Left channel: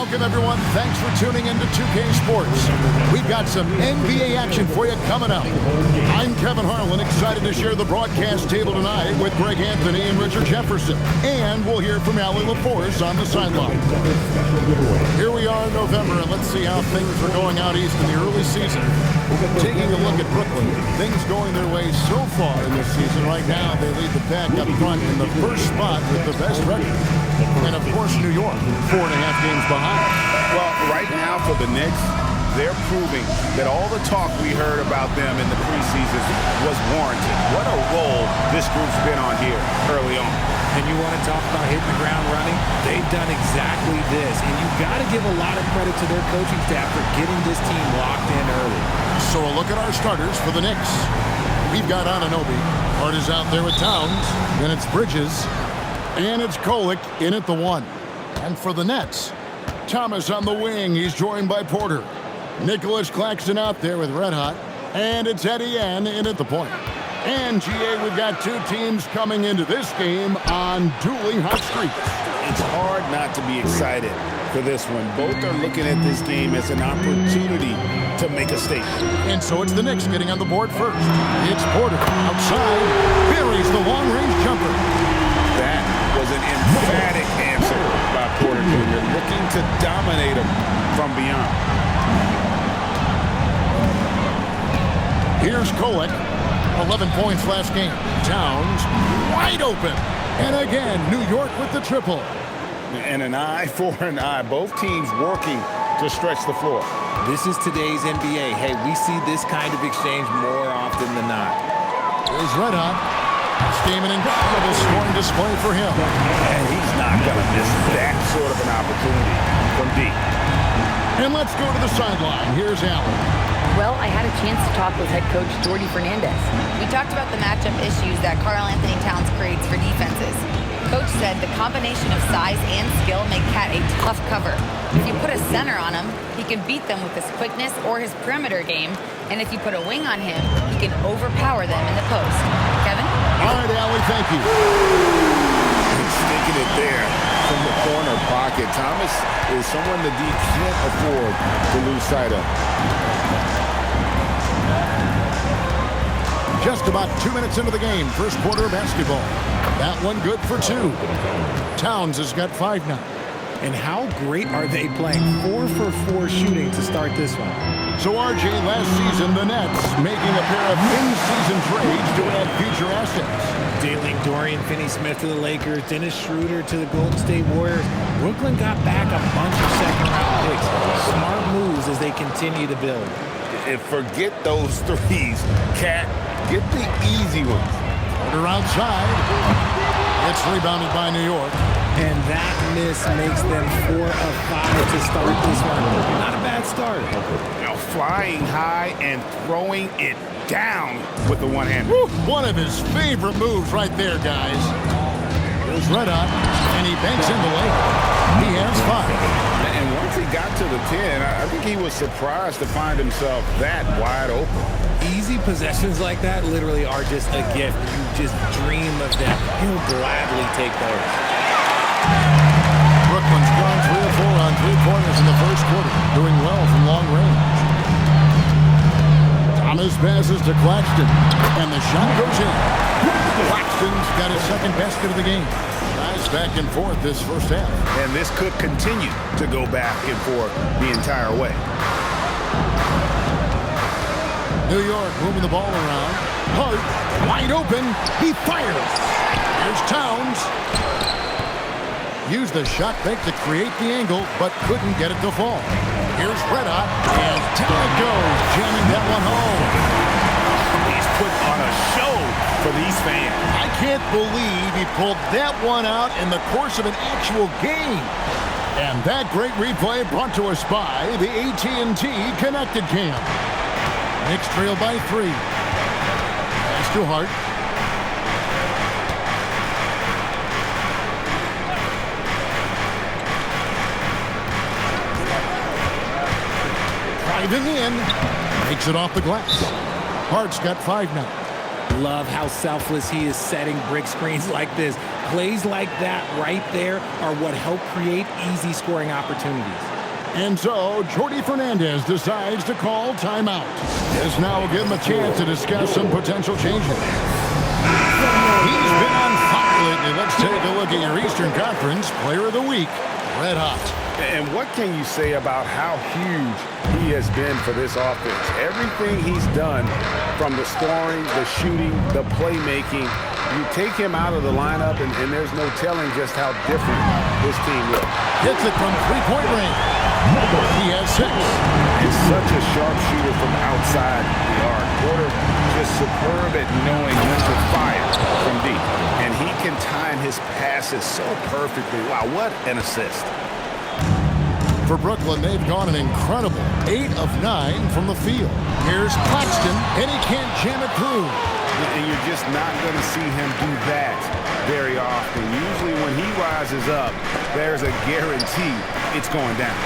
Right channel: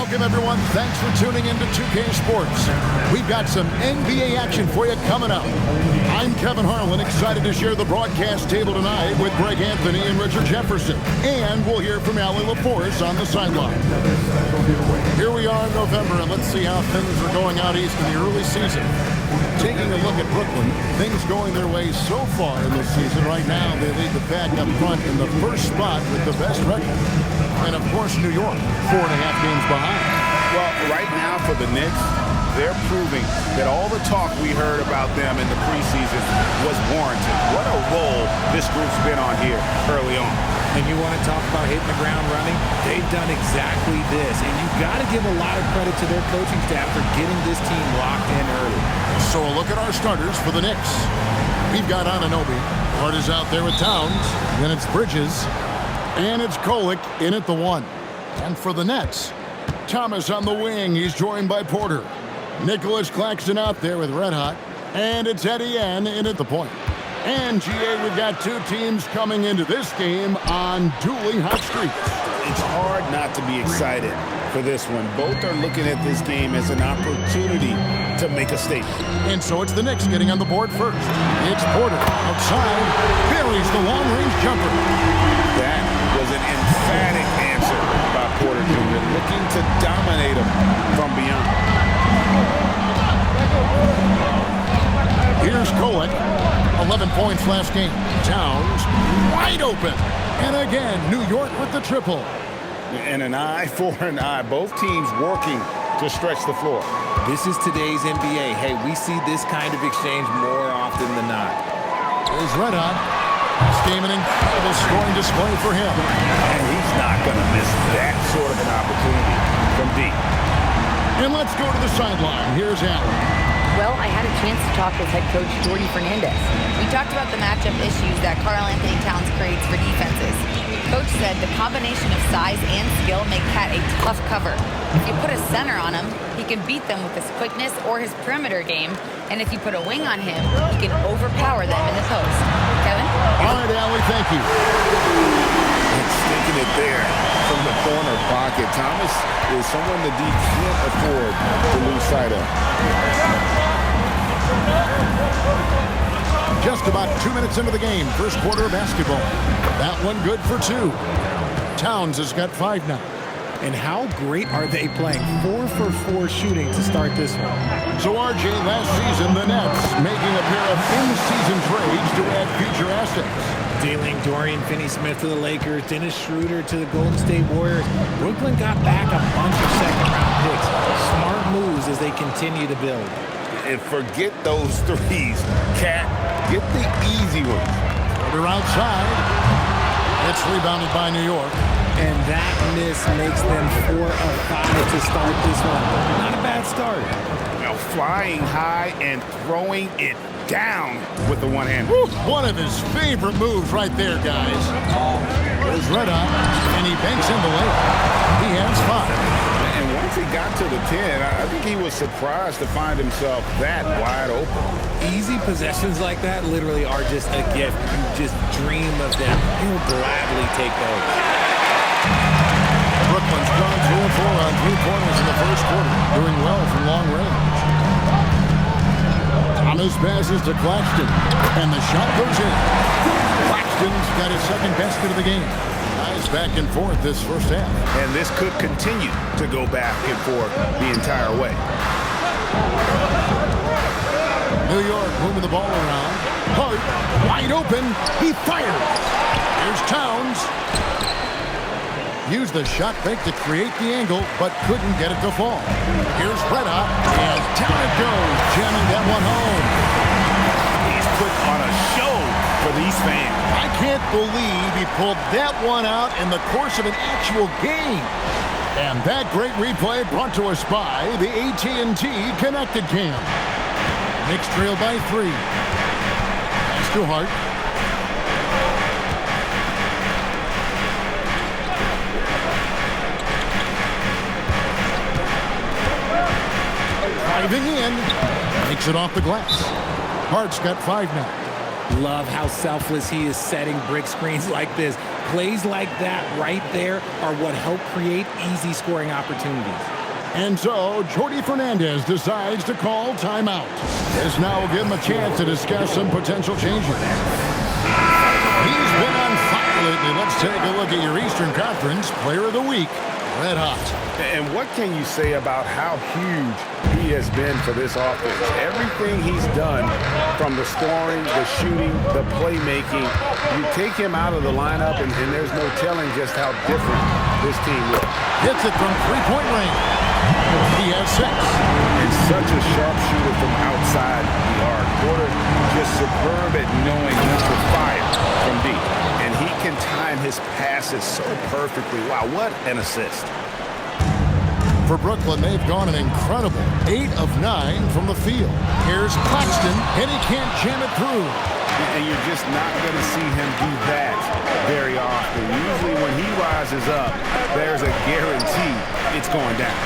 Welcome, everyone. Thanks for tuning in to 2K Sports. We've got some NBA action for you coming up. I'm Kevin Harlan, excited to share the broadcast table tonight with Greg Anthony and Richard Jefferson. And we'll hear from Allie LaForce on the sideline. Here we are in November, and let's see how things are going out east in the early season. Taking a look at Brooklyn, things going their way so far in this season. Right now, they lead the pack up front in the first spot with the best record. And, of course, New York, 4.5 games behind. Well, right now for the Knicks, they're proving that all the talk we heard about them in the preseason was warranted. What a role this group's been on here early on. And you want to talk about hitting the ground running? They've done exactly this. And you've got to give a lot of credit to their coaching staff for getting this team locked in early. So a look at our starters for the Knicks. We've got Anunoby. Hart is out there with Towns. Then it's Bridges. And it's Kolek in at the 1. And for the Nets, Thomas on the wing. He's joined by Porter. Nicholas Claxton out there with Red Hot. And it's Eddie N in at the point. And, GA, we've got two teams coming into this game on dueling hot streaks. It's hard not to be excited for this one. Both are looking at this game as an opportunity to make a statement. And so it's the Knicks getting on the board first. It's Porter outside. Buries the long-range jumper. That was an emphatic answer by Porter Jr., looking to dominate him from beyond. Here's Kolek. 11 points last game. Towns wide open. And again, New York with the triple. And an eye for an eye. Both teams working to stretch the floor. This is today's NBA. Hey, we see this kind of exchange more often than not. Here's Red Hot. This game an incredible scoring display for him. And he's not going to miss that sort of an opportunity from deep. And let's go to the sideline. Here's Allen. Well, I had a chance to talk with head coach Jordy Fernandez. We talked about the matchup issues that Karl Anthony Towns creates for defenses. Coach said the combination of size and skill make Cat a tough cover. If you put a center on him, he can beat them with his quickness or his perimeter game. And if you put a wing on him, he can overpower them in the post. Kevin? All right, Allie, thank you. And sticking it there from the corner pocket. Thomas is someone the D can't afford to lose sight of. Just about 2 minutes into the game, first quarter of basketball. That one good for 2. Towns has got 5 now. And how great are they playing? 4 for 4 shooting to start this one. So, RJ, last season, the Nets making a pair of in-season trades to add future assets. Dealing Dorian Finney-Smith to the Lakers, Dennis Schroeder to the Golden State Warriors. Brooklyn got back a bunch of second-round picks. Smart moves as they continue to build. And forget those threes. Cat, get the easy ones. Porter outside. It's rebounded by New York. And that miss makes them 4 of 5 to start this one. Not a bad start. Now flying high and throwing it down with the one-hand. One of his favorite moves right there, guys. Here's Red Hot, and he banks in the layup. He has 5. And once he got to the 10, I think he was surprised to find himself that wide open. Easy possessions like that literally are just a gift. You just dream of them. He'll gladly take those. Brooklyn's gone 3 of 4 on 3-pointers in the first quarter, doing well from long range. Thomas passes to Claxton, and the shot goes in. Claxton's got his second basket of the game. Guys back and forth this first half. And this could continue to go back and forth the entire way. New York moving the ball around. Hart, wide open. He fires. Here's Towns. Used the shot fake to create the angle, but couldn't get it to fall. Here's Red Hot, and down it goes, jamming that one home. He's put on a show for these fans. I can't believe he pulled that one out in the course of an actual game. And that great replay brought to us by the AT&T Connected Cam. Knicks trail by 3. Pass to Hart. Driving in, makes it off the glass. Hart's got 5 now. Love how selfless he is setting brick screens like this. Plays like that right there are what help create easy scoring opportunities. And so, Jordy Fernandez decides to call timeout. This now will give him a chance to discuss some potential changes. He's been on fire lately. Let's take a look at your Eastern Conference Player of the Week. Red hot. And what can you say about how huge he has been for this offense? Everything he's done, from the scoring, the shooting, the playmaking, you take him out of the lineup, and there's no telling just how different this team looks. Hits it from three-point range. He has 6. And such a sharp shooter from outside the arc. Porter just superb at knowing when to fire from deep. And he can time his passes so perfectly. Wow, what an assist. For Brooklyn, they've gone an incredible 8 of 9 from the field. Here's Claxton, and he can't jam it through. And you're just not going to see him do that very often. Usually when he rises up, there's a guarantee it's going down.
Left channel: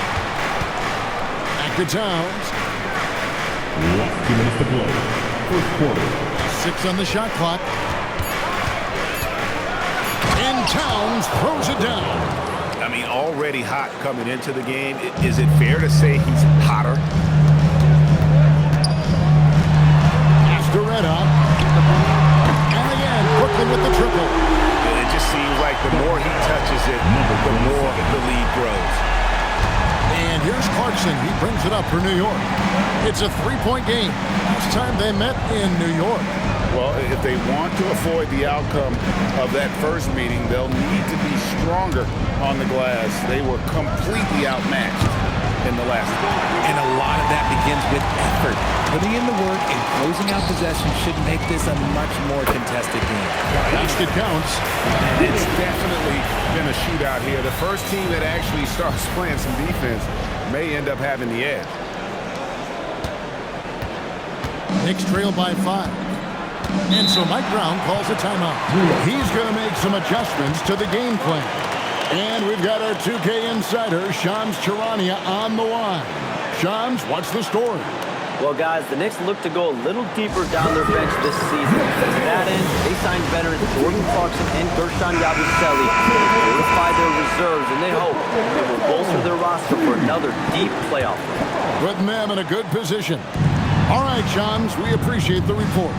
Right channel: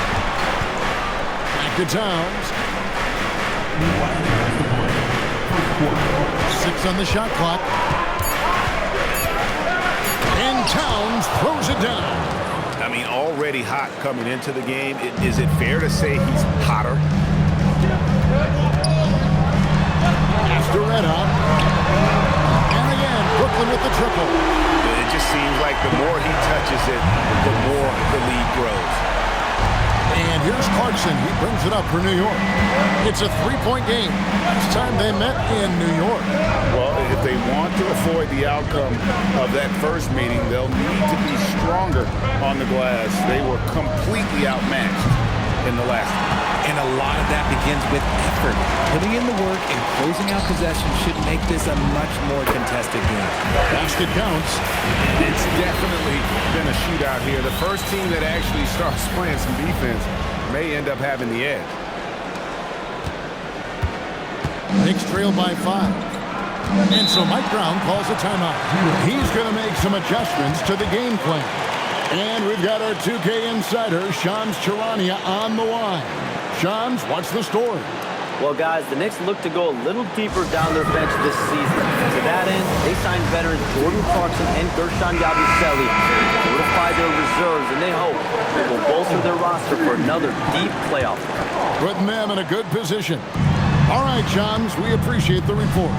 Back to Towns. 6 on the shot clock. And Towns throws it down. I mean, already hot coming into the game. Is it fair to say he's hotter? After red hot. And again, Brooklyn with the triple. It just seems like the more he touches it, the more the lead grows. And here's Clarkson. He brings it up for New York. It's a 3-point game. Last time they met in New York. Well, if they want to avoid the outcome of that first meeting, they'll need to be stronger on the glass. They were completely outmatched in the last one. And a lot of that begins with effort. Putting in the work and closing out possession should make this a much more contested game. Basket counts. And it's definitely been a shootout here. The first team that actually starts playing some defense may end up having the edge. Knicks trail by 5. And so Mike Brown calls a timeout. He's going to make some adjustments to the game plan. And we've got our 2K insider, Shams Charania, on the line. Shams, what's the story? Well, guys, the Knicks look to go a little deeper down their bench this season. To that end, they signed veterans Jordan Clarkson and Gershon Yabusele to fortify their reserves, and they hope it will bolster their roster for another deep playoff run. Putting them in a good position. All right, Shams, we appreciate the report.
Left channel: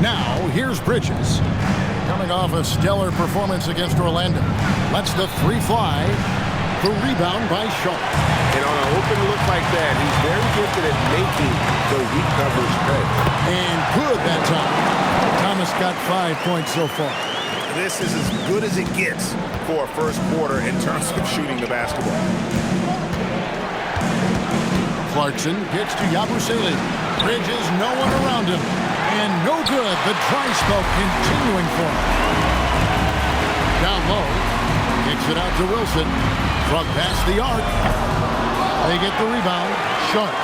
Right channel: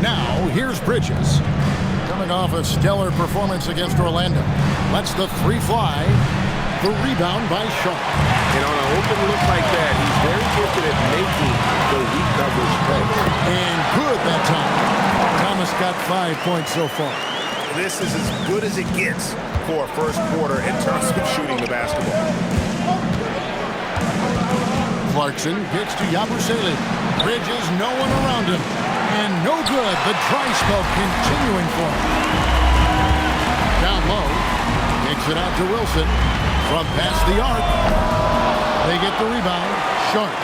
Now, here's Bridges. Coming off a stellar performance against Orlando. Lets the 3 fly. The rebound by Sharp. And on an open look like that, he's very gifted at making the weak coverage pay. And good that time. Thomas got 5 points so far. This is as good as it gets for a first quarter in terms of shooting the basketball. Clarkson kicks to Yabusele. Bridges, no one around him. And no good. The dry spell continuing for him. Down low. Kicks it out to Wilson. From past the arc. They get the rebound. Sharp.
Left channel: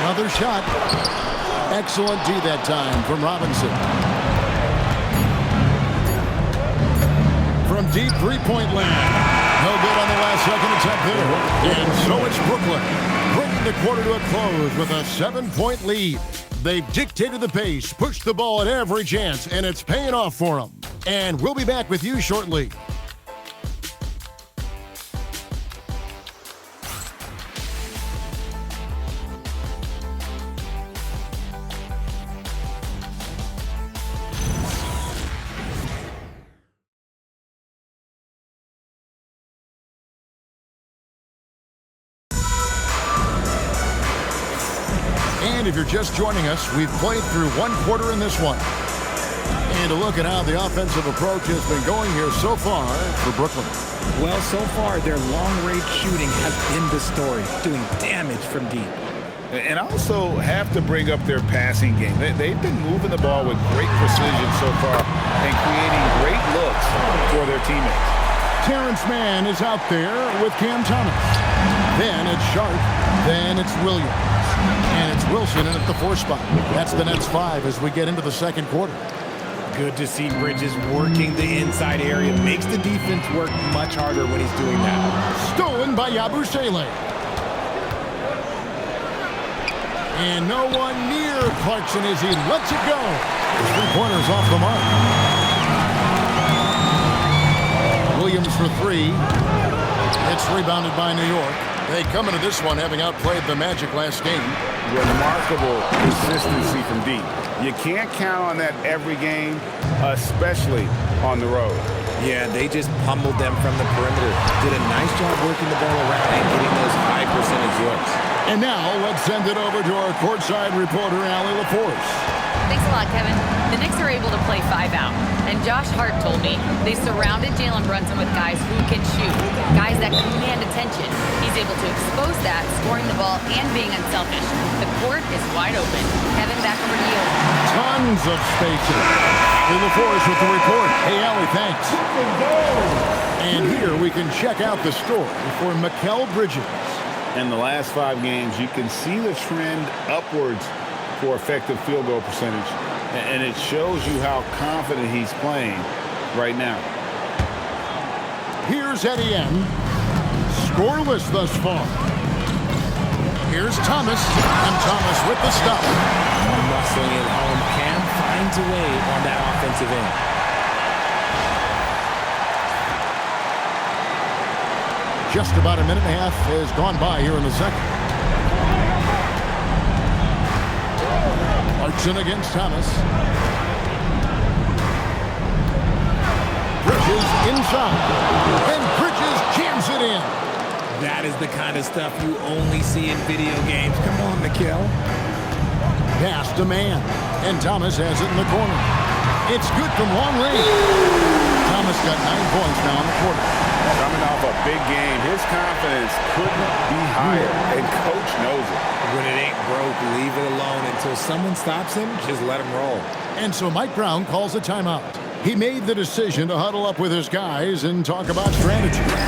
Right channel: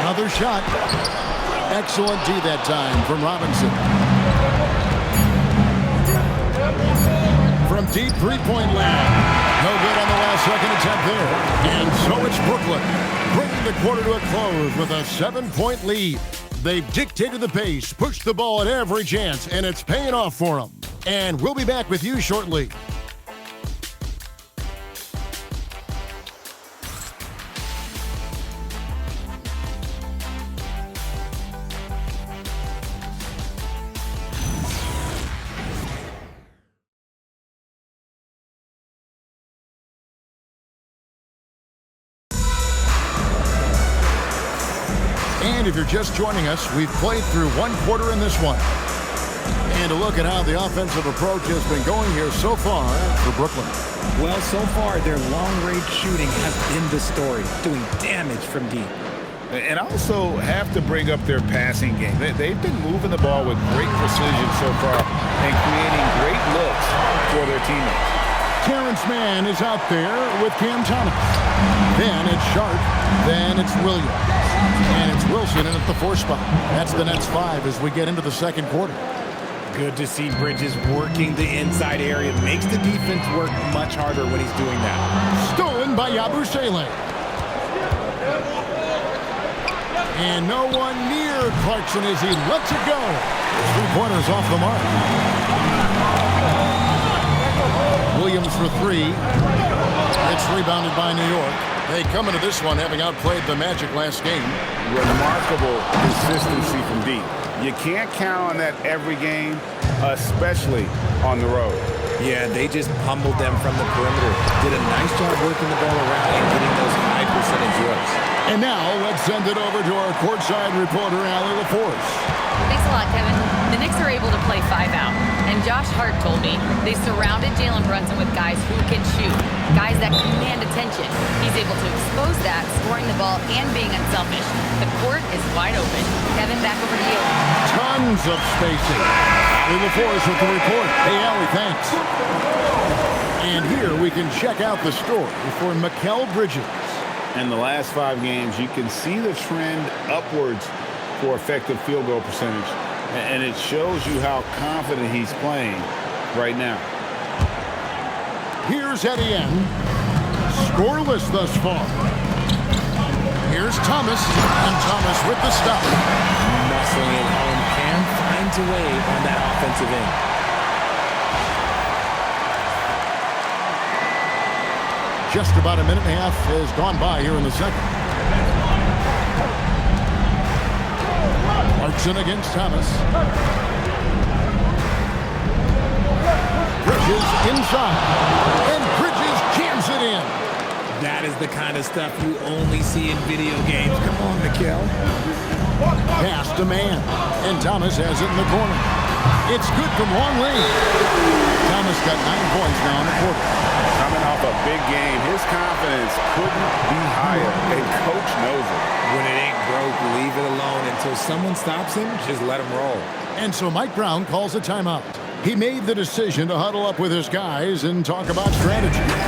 Another shot. Excellent D that time from Robinson. From deep three-point land. No good on the last second attempt there. And so it's Brooklyn, bringing the quarter to a close with a 7-point lead. They've dictated the pace, pushed the ball at every chance, and it's paying off for them. And we'll be back with you shortly. And if you're just joining us, we've played through 1 quarter in this one. And a look at how the offensive approach has been going here so far for Brooklyn. Well, so far, their long-range shooting has been the story, doing damage from deep. And I also have to bring up their passing game. They've been moving the ball with great precision so far and creating great looks for their teammates. Terrence Mann is out there with Cam Thomas. Then it's Sharp. Then it's Williams. And it's Wilson in at the 4 spot. That's the Nets 5 as we get into the second quarter. Good to see Bridges working the inside area. Makes the defense work much harder when he's doing that. Stolen by Yabusele. And no one near Clarkson as he lets it go. His three-pointer's off the mark. Williams for three. It's rebounded by New York. They come into this one having outplayed the Magic last game. Remarkable consistency from deep. You can't count on that every game, especially on the road. Yeah, they just pummeled them from the perimeter. Did a nice job working the ball around and getting those high percentage looks. And now let's send it over to our courtside reporter, Allie LaForce. Thanks a lot, Kevin. The Knicks are able to play 5 out. And Josh Hart told me they surrounded Jalen Brunson with guys who can shoot, guys that command attention. He's able to expose that, scoring the ball and being unselfish. The court is wide open. Kevin, back over to you. Tons of spacing. Allie LaForce with the report. Hey, Allie, thanks. And here we can check out the story for Mikal Bridges. In the last 5 games, you can see the trend upwards for effective field goal percentage. And it shows you how confident he's playing right now. Here's Etienne. Scoreless thus far. Here's Thomas. And Thomas with the stop. Muscling it home. Cam finds a way on that offensive end. Just about a minute and a half has gone by here in the second. Clarkson against Thomas. Bridges inside. And Bridges jams it in. That is the kind of stuff you only see in video games. Come on, Mikal. Pass to man. And Thomas has it in the corner. It's good from long range. Thomas got 9 points now in the quarter. Coming off a big game, his confidence couldn't be higher, and coach knows it. When it ain't broke, leave it alone until someone stops him. Just let him roll. And so Mike Brown calls a timeout. He made the decision to huddle up with his guys and talk about strategy. Well,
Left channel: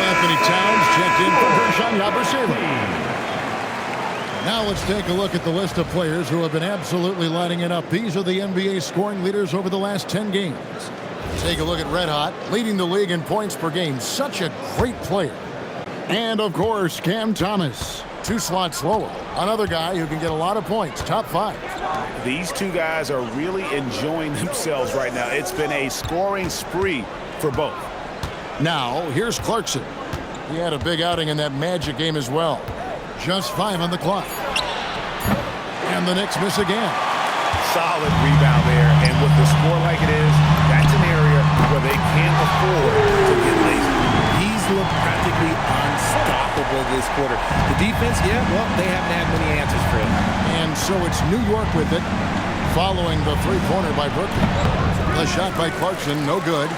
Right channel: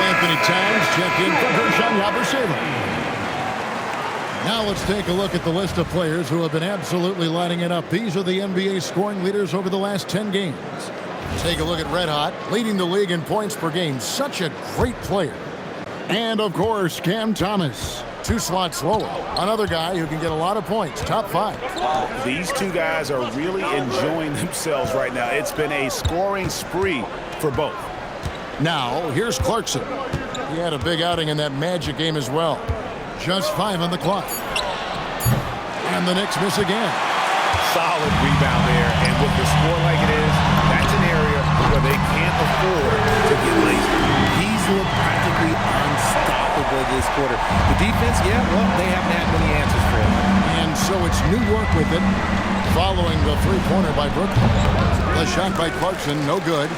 Anthony Towns checked in for Gershon Yabusele. Now let's take a look at the list of players who have been absolutely lighting it up. These are the NBA scoring leaders over the last 10 games. Take a look at Red Hot, leading the league in points per game. Such a great player. And, of course, Cam Thomas. 2 slots lower. Another guy who can get a lot of points. Top 5. These two guys are really enjoying themselves right now. It's been a scoring spree for both. Now, here's Clarkson. He had a big outing in that Magic game as well. Just 5 on the clock. And the Knicks miss again. Solid rebound there, and with the score like it is, that's an area where they can't afford to get lazy. He's looked practically unstoppable this quarter. The defense, yeah, well, they haven't had many answers for him. And so it's New York with it, following the three-pointer by Brooklyn. The shot by Clarkson, no good.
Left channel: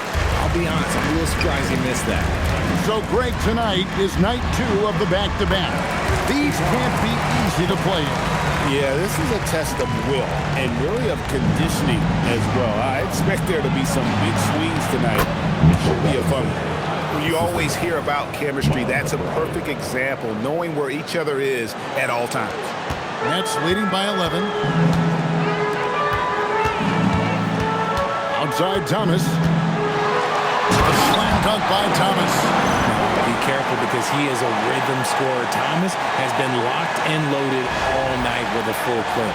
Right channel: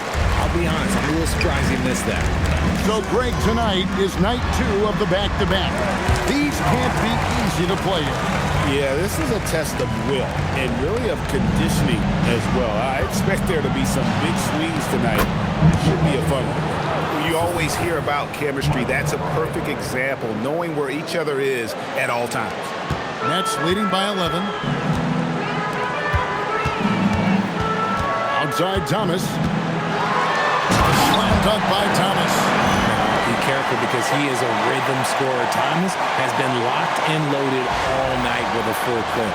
I'll be honest, I'm a little surprised he missed that. So, Greg, tonight is night 2 of the back-to-back. These can't be easy to play in. Yeah, this is a test of will and really of conditioning as well. I expect there to be some big swings tonight. It should be a fun one. When you always hear about chemistry, that's a perfect example, knowing where each other is at all times. Nets leading by 11. Outside Thomas. The slam dunk by Thomas. Now, be careful because he is a rhythm scorer. Thomas has been locked and loaded all night with a full clip.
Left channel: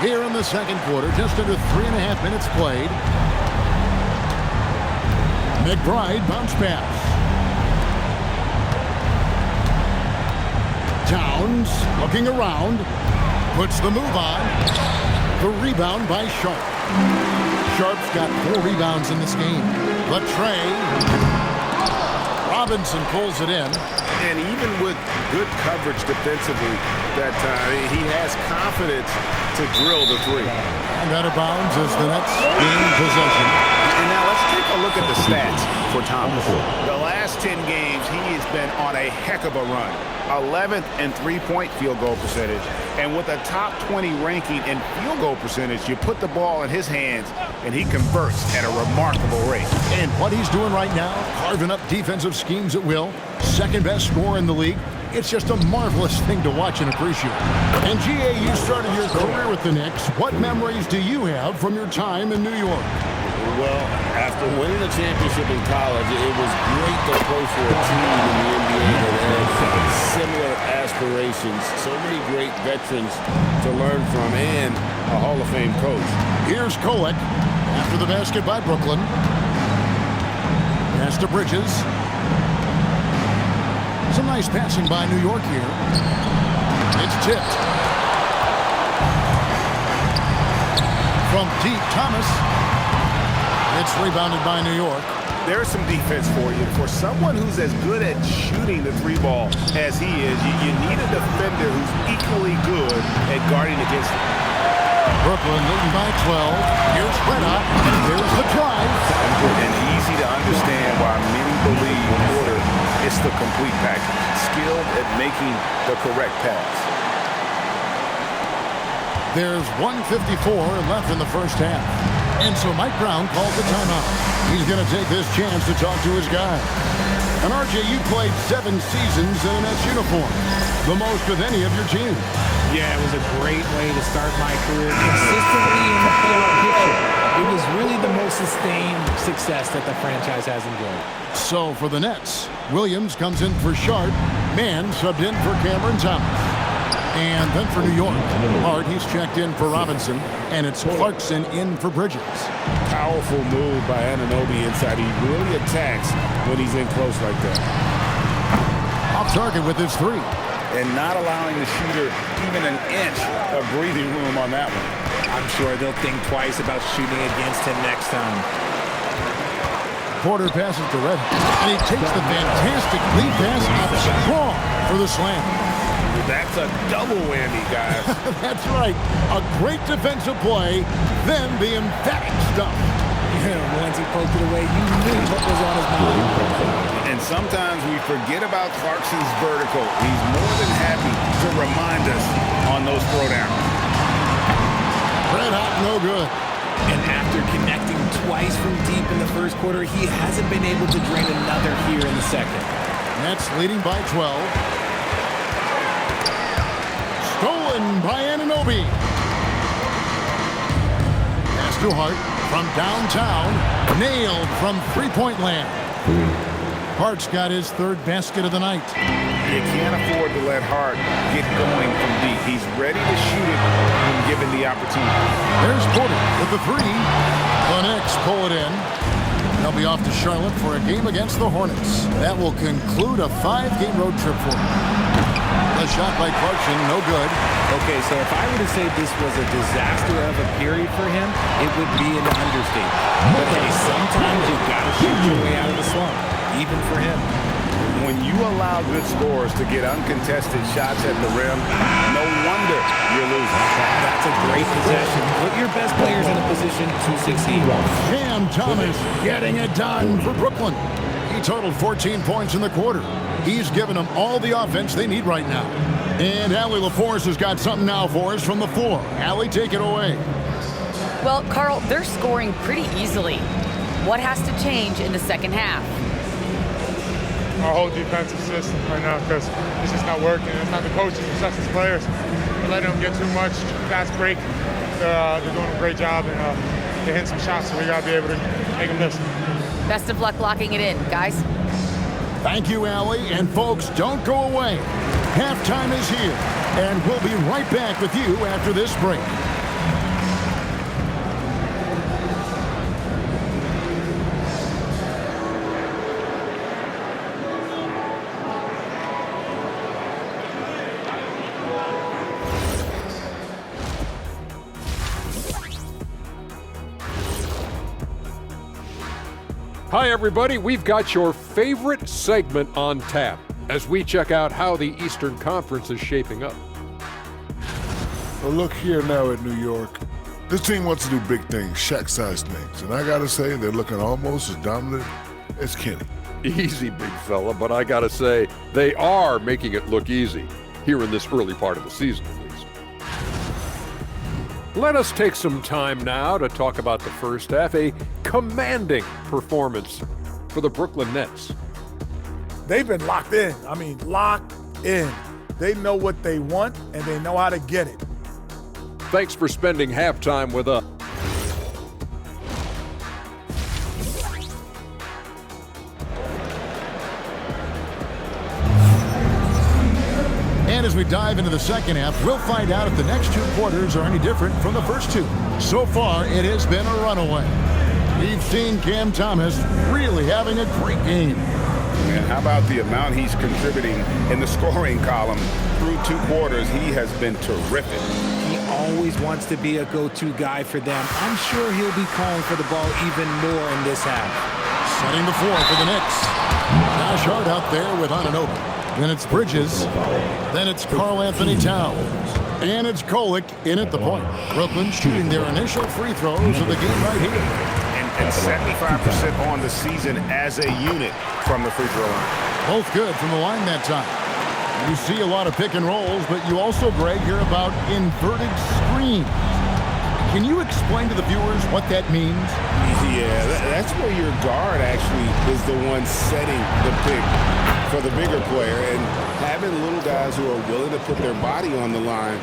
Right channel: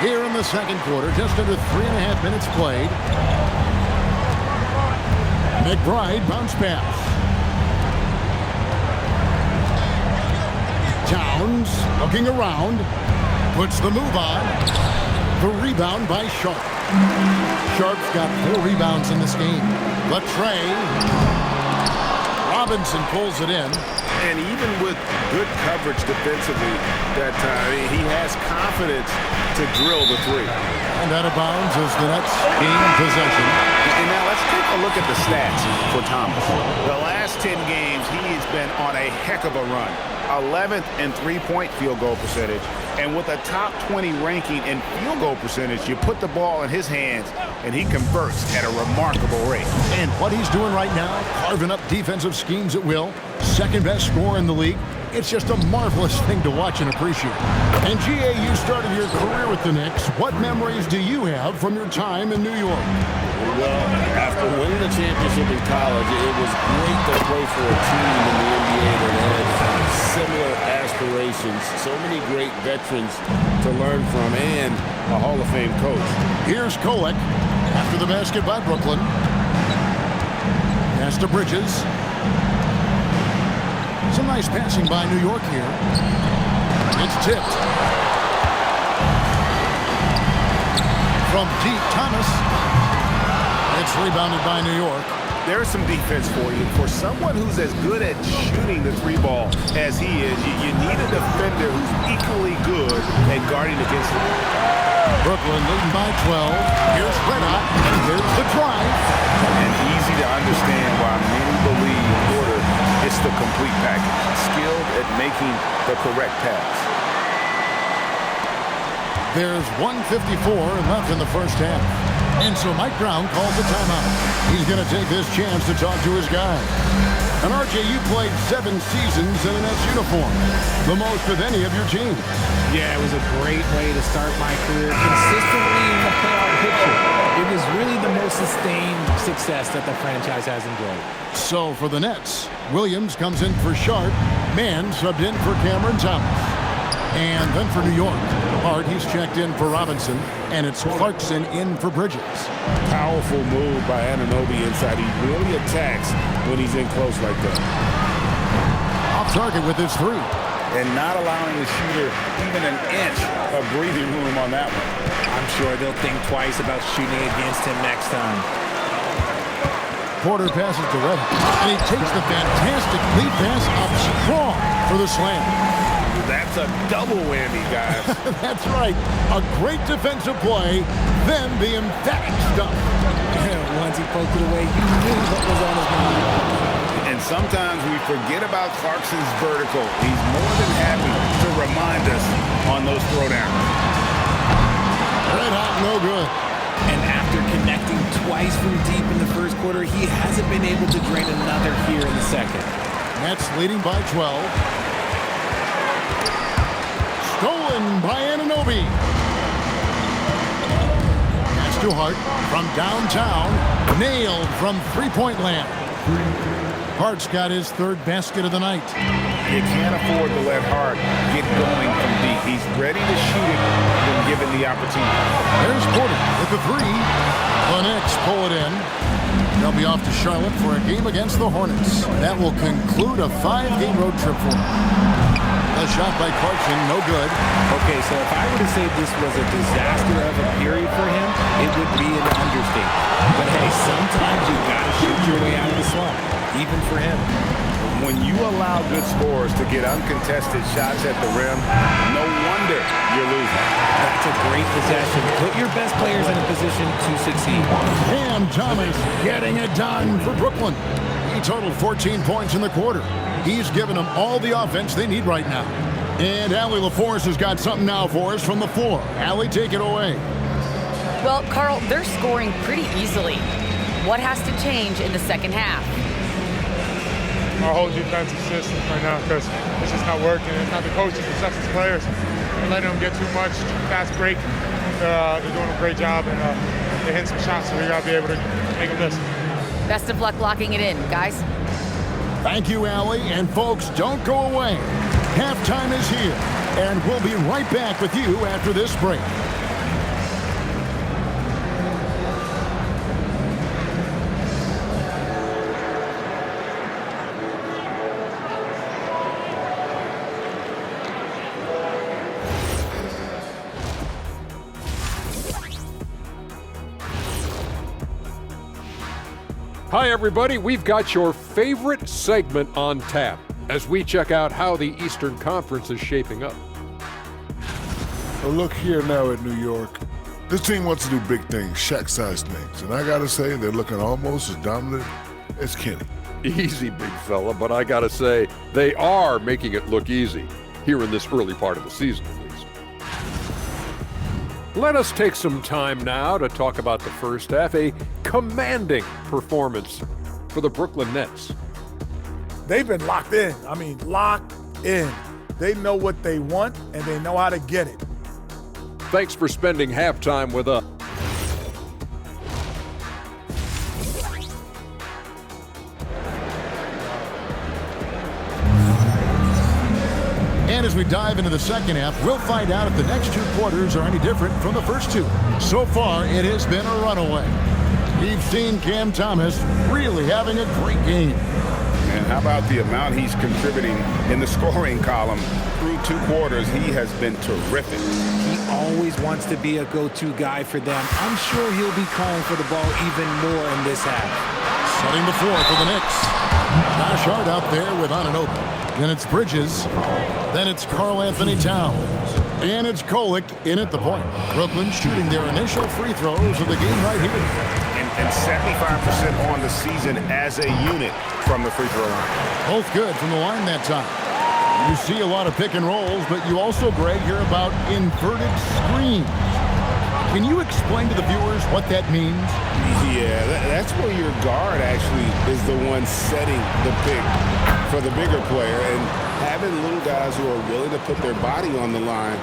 Here in the second quarter, just under 3.5 minutes played. McBride bounce pass. Towns looking around. Puts the move on. The rebound by Sharp. Sharp's got 4 rebounds in this game. But Trey Robinson pulls it in. And even with good coverage defensively that time, he has confidence to drill the 3. And out of bounds as the Nets gain possession. And now let's take a look at the stats for Thomas. The last 10 games, he has been on a heck of a run. 11th in three-point field goal percentage. And with a top 20 ranking in field goal percentage, you put the ball in his hands, and he converts at a remarkable rate. And what he's doing right now, carving up defensive schemes at will, second best scorer in the league. It's just a marvelous thing to watch and appreciate. And GA, you started your career with the Knicks. What memories do you have from your time in New York? Well, after winning a championship in college, it was great to play for a team in the NBA that had similar aspirations. So many great veterans to learn from and a Hall of Fame coach. Here's Kolek after the basket by Brooklyn. Pass to Bridges. Some nice passing by New York here. It's tipped. From deep, Thomas. It's rebounded by New York. There's some defense for you. For someone who's as good at shooting the three ball as he is, you need a defender who's equally good at guarding against it. Brooklyn leading by 12. Here's Reda, and here's the drive. And easy to understand why many believe Porter is the complete package. Skilled at making the correct pass. There's 1:54 left in the first half. And so Mike Brown calls a timeout. He's going to take this chance to talk to his guys. And RJ, you played 7 seasons in an Nets uniform, the most of any of your team. Yeah, it was a great way to start my career consistently in the playoff picture. It was really the most sustained success that the franchise has enjoyed. So for the Nets, Williams comes in for Sharp, Mann subbed in for Cameron Thomas. And then for New York, Hart, he's checked in for Robinson, and it's Clarkson in for Bridges. Powerful move by Anunoby inside. He really attacks when he's in close like that. Off target with his 3. And not allowing the shooter even an inch of breathing room on that one. I'm sure they'll think twice about shooting against him next time. Porter passes to Red, and he takes the fantastic lead pass up strong for the slam. That's a double whammy, guys. That's right. A great defensive play, then the emphatic stuff. Once he poked it away, you knew what was on his mind. And sometimes we forget about Clarkson's vertical. He's more than happy to remind us on those throwdowns. Red hot, no good. And after connecting twice from deep in the first quarter, he hasn't been able to drain another here in the second. Nets leading by 12. Stolen by Anunoby. Pass to Hart from downtown. Nailed from three-point land. Hart's got his 3rd basket of the night. You can't afford to let Hart get going from deep. He's ready to shoot it when given the opportunity. There's Porter with the 3. The Knicks pull it in. They'll be off to Charlotte for a game against the Hornets. That will conclude a 5-game road trip for them. The shot by Clarkson, no good. Okay, so if I were to say this was a disaster of a period for him, it would be an understatement. But hey, sometimes you got to shoot your way out of the slump, even for him. When you allow good scorers to get uncontested shots at the rim, no wonder you're losing. That's a great possession. Put your best players in a position to succeed. Cam Thomas getting it done for Brooklyn. He totaled 14 points in the quarter. He's given them all the offense they need right now. And Allie LaForce has got something now for us from the floor. Allie, take it away. Well, Carl, they're scoring pretty easily. What has to change in the second half? Our whole defensive system right now, because it's just not working. It's not the coaches, it's us as players. We're letting them get too much fast break. They're doing a great job, and they're hitting some shots, so we got to be able to make them miss. Best of luck locking it in, guys. Thank you, Allie. And folks, don't go away. Halftime is here, and we'll be right back with you after this break. Hi, everybody. We've got your favorite segment on tap as we check out how the Eastern Conference is shaping up. Well, look here now at New York. This team wants to do big things, Shaq-sized things, and I got to say they're looking almost as dominant as Kenny. Easy, big fella, but I got to say they are making it look easy here in this early part of the season, at least. Let us take some time now to talk about the first half, a commanding performance for the Brooklyn Nets. They've been locked in. I mean, locked in. They know what they want, and they know how to get it. Thanks for spending halftime with us. And as we dive into the second half, we'll find out if the next two quarters are any different from the first two. So far, it has been a runaway. We've seen Cam Thomas really having a great game. And how about the amount he's contributing in the scoring column? Through two quarters, he has been terrific. He always wants to be a go-to guy for them. I'm sure he'll be calling for the ball even more in this half. Setting the floor for the Knicks. Josh Hart out there with Anunoby. Then it's Bridges. Then it's Karl Anthony Towns. And it's Kolek in at the point. Brooklyn shooting their initial free throws of the game right here. And 75% on the season as a unit from the free throw line. Both good from the line that time. You see a lot of pick and rolls, but you also, Greg, hear about inverted screens. Can you explain to the viewers what that means? Yeah, that's where your guard actually is the one setting the pick for the bigger player, and having little guys who are willing to put their body on the line.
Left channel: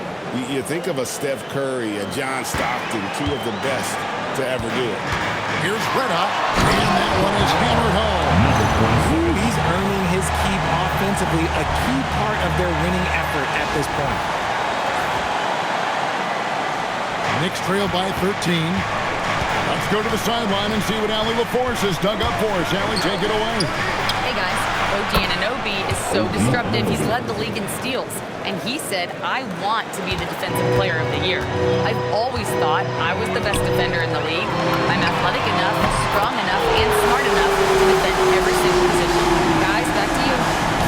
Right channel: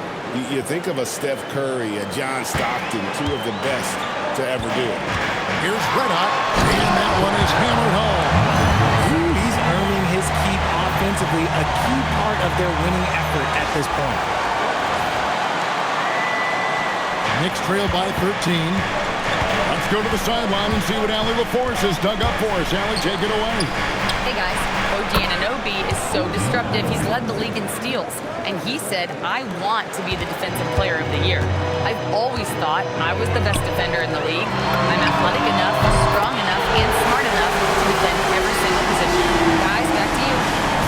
You think of a Steph Curry, a John Stockton, two of the best to ever do it. Here's Red Hot, and that one is hammered home. He's earning his keep offensively, a key part of their winning effort at this point. Knicks trail by 13. Let's go to the sideline and see what Allie LaForce has dug up for us. Allie, take it away. Hey guys, OG Anunoby is so disruptive. He's led the league in steals. And he said, I want to be the defensive player of the year. I've always thought I was the best defender in the league. I'm athletic enough, strong enough, and smart enough to defend every single position. Guys, back to you.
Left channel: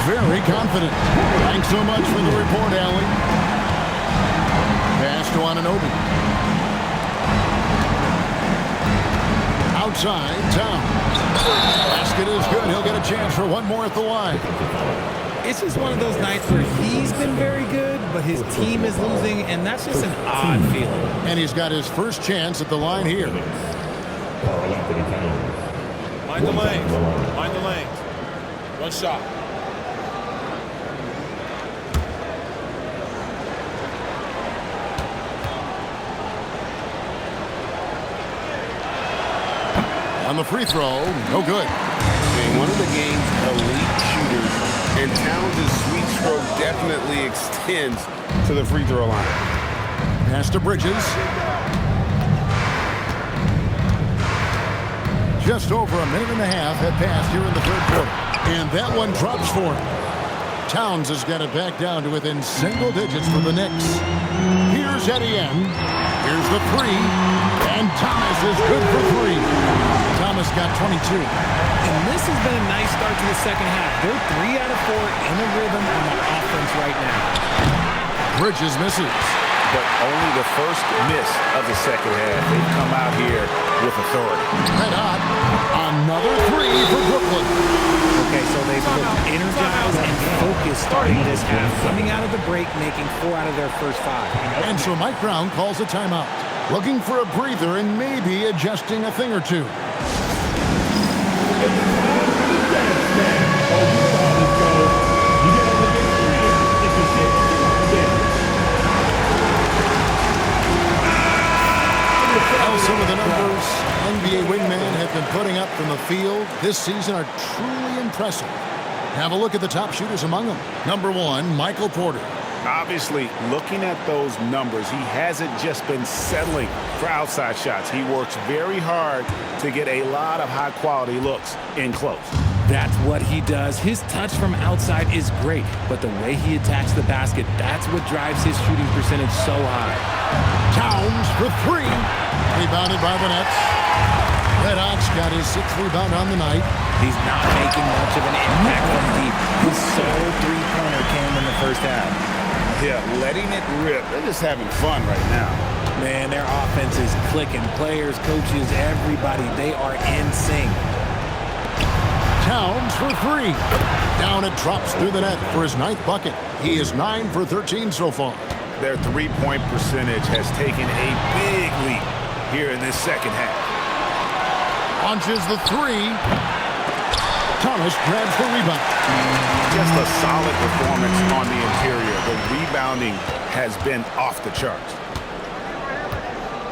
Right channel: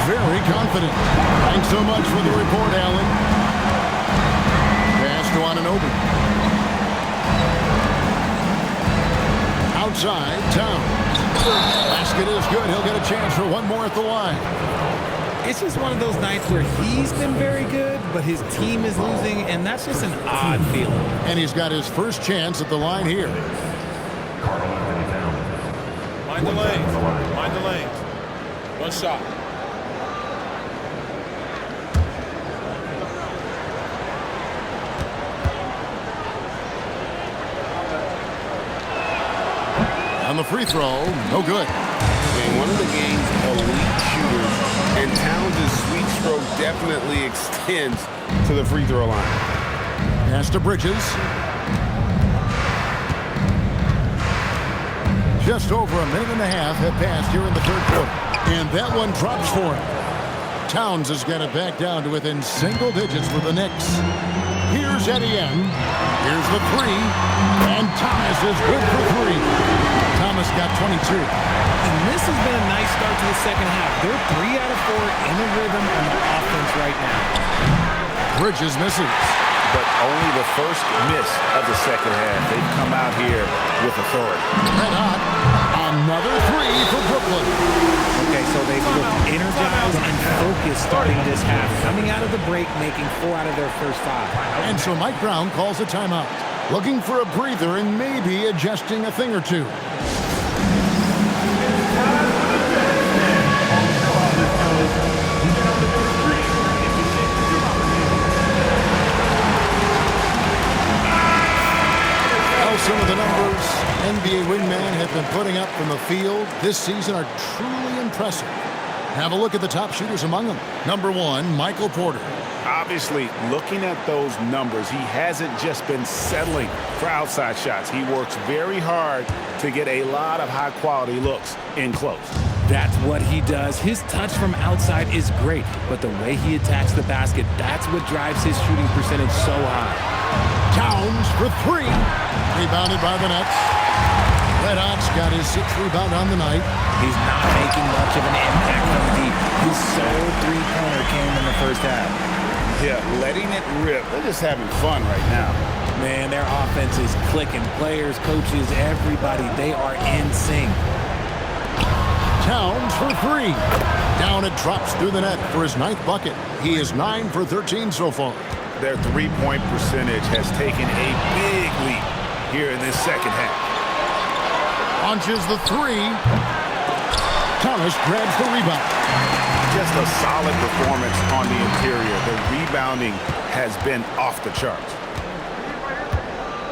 Very confident. Thanks so much for the report, Allie. Pass to Anunoby. Outside, Towns. Basket is good. He'll get a chance for one more at the line. It's just one of those nights where he's been very good, but his team is losing, and that's just an odd feeling. And he's got his first chance at the line here. Mind the lanes. Mind the lanes. One shot. On the free throw, no good. And one of the game's elite shooters, and Towns' sweet stroke definitely extends to the free throw line. Pass to Bridges. Just over a minute and a half had passed here in the third quarter. And that one drops for him. Towns has got it back down to within single digits for the Knicks. Here's Etienne. Here's the three. And Thomas is good for three. Thomas got 22. And this has been a nice start to the second half. They're 3 out of 4 in a rhythm on the offense right now. Bridges misses. But only the first miss of the second half. They've come out here with authority. Red Hot. Another three for Brooklyn. Okay, so they've looked energized and focused starting this half. Coming out of the break, making 4 out of their first 5. And so Mike Brown calls a timeout. Looking for a breather and maybe adjusting a thing or two. Some of the numbers NBA wingmen have been putting up from the field this season are truly impressive. Have a look at the top shooters among them. Number 1, Michael Porter. Obviously, looking at those numbers, he hasn't just been settling for outside shots. He works very hard to get a lot of high-quality looks in close. That's what he does. His touch from outside is great, but the way he attacks the basket, that's what drives his shooting percentage so high. Towns for 3. Rebounded by the Nets. Red Hot's got his 6th rebound on the night. He's not making much of an impact from deep. His sole three-pointer came in the first half. Yeah, letting it rip. They're just having fun right now. Man, their offense is clicking. Players, coaches, everybody, they are in sync. Towns for 3. Down it drops through the net for his 9th bucket. He is 9 for 13 so far. Their three-point percentage has taken a big leap here in this second half. Launches the 3. Thomas grabs the rebound. Just a solid performance on the interior. The rebounding has been off the charts.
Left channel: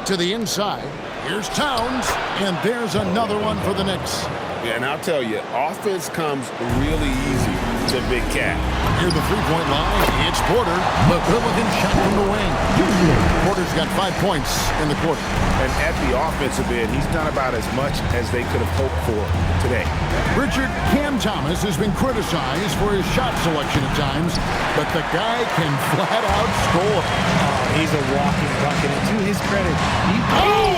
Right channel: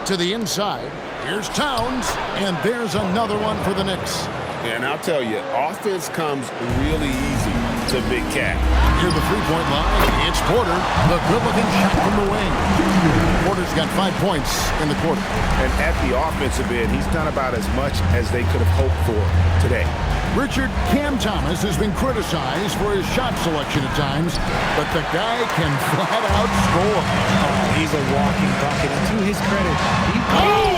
To the inside. Here's Towns. And there's another one for the Knicks. Yeah, and I'll tell you, offense comes really easy such a big cat. Near the three-point line, it's Porter. The good-looking shot from the wing. Porter's got 5 points in the quarter. And at the offensive end, he's done about as much as they could have hoped for today. Richard, Cam Thomas has been criticized for his shot selection at times, but the guy can flat out score. Oh, he's a walking bucket, and to his credit, he...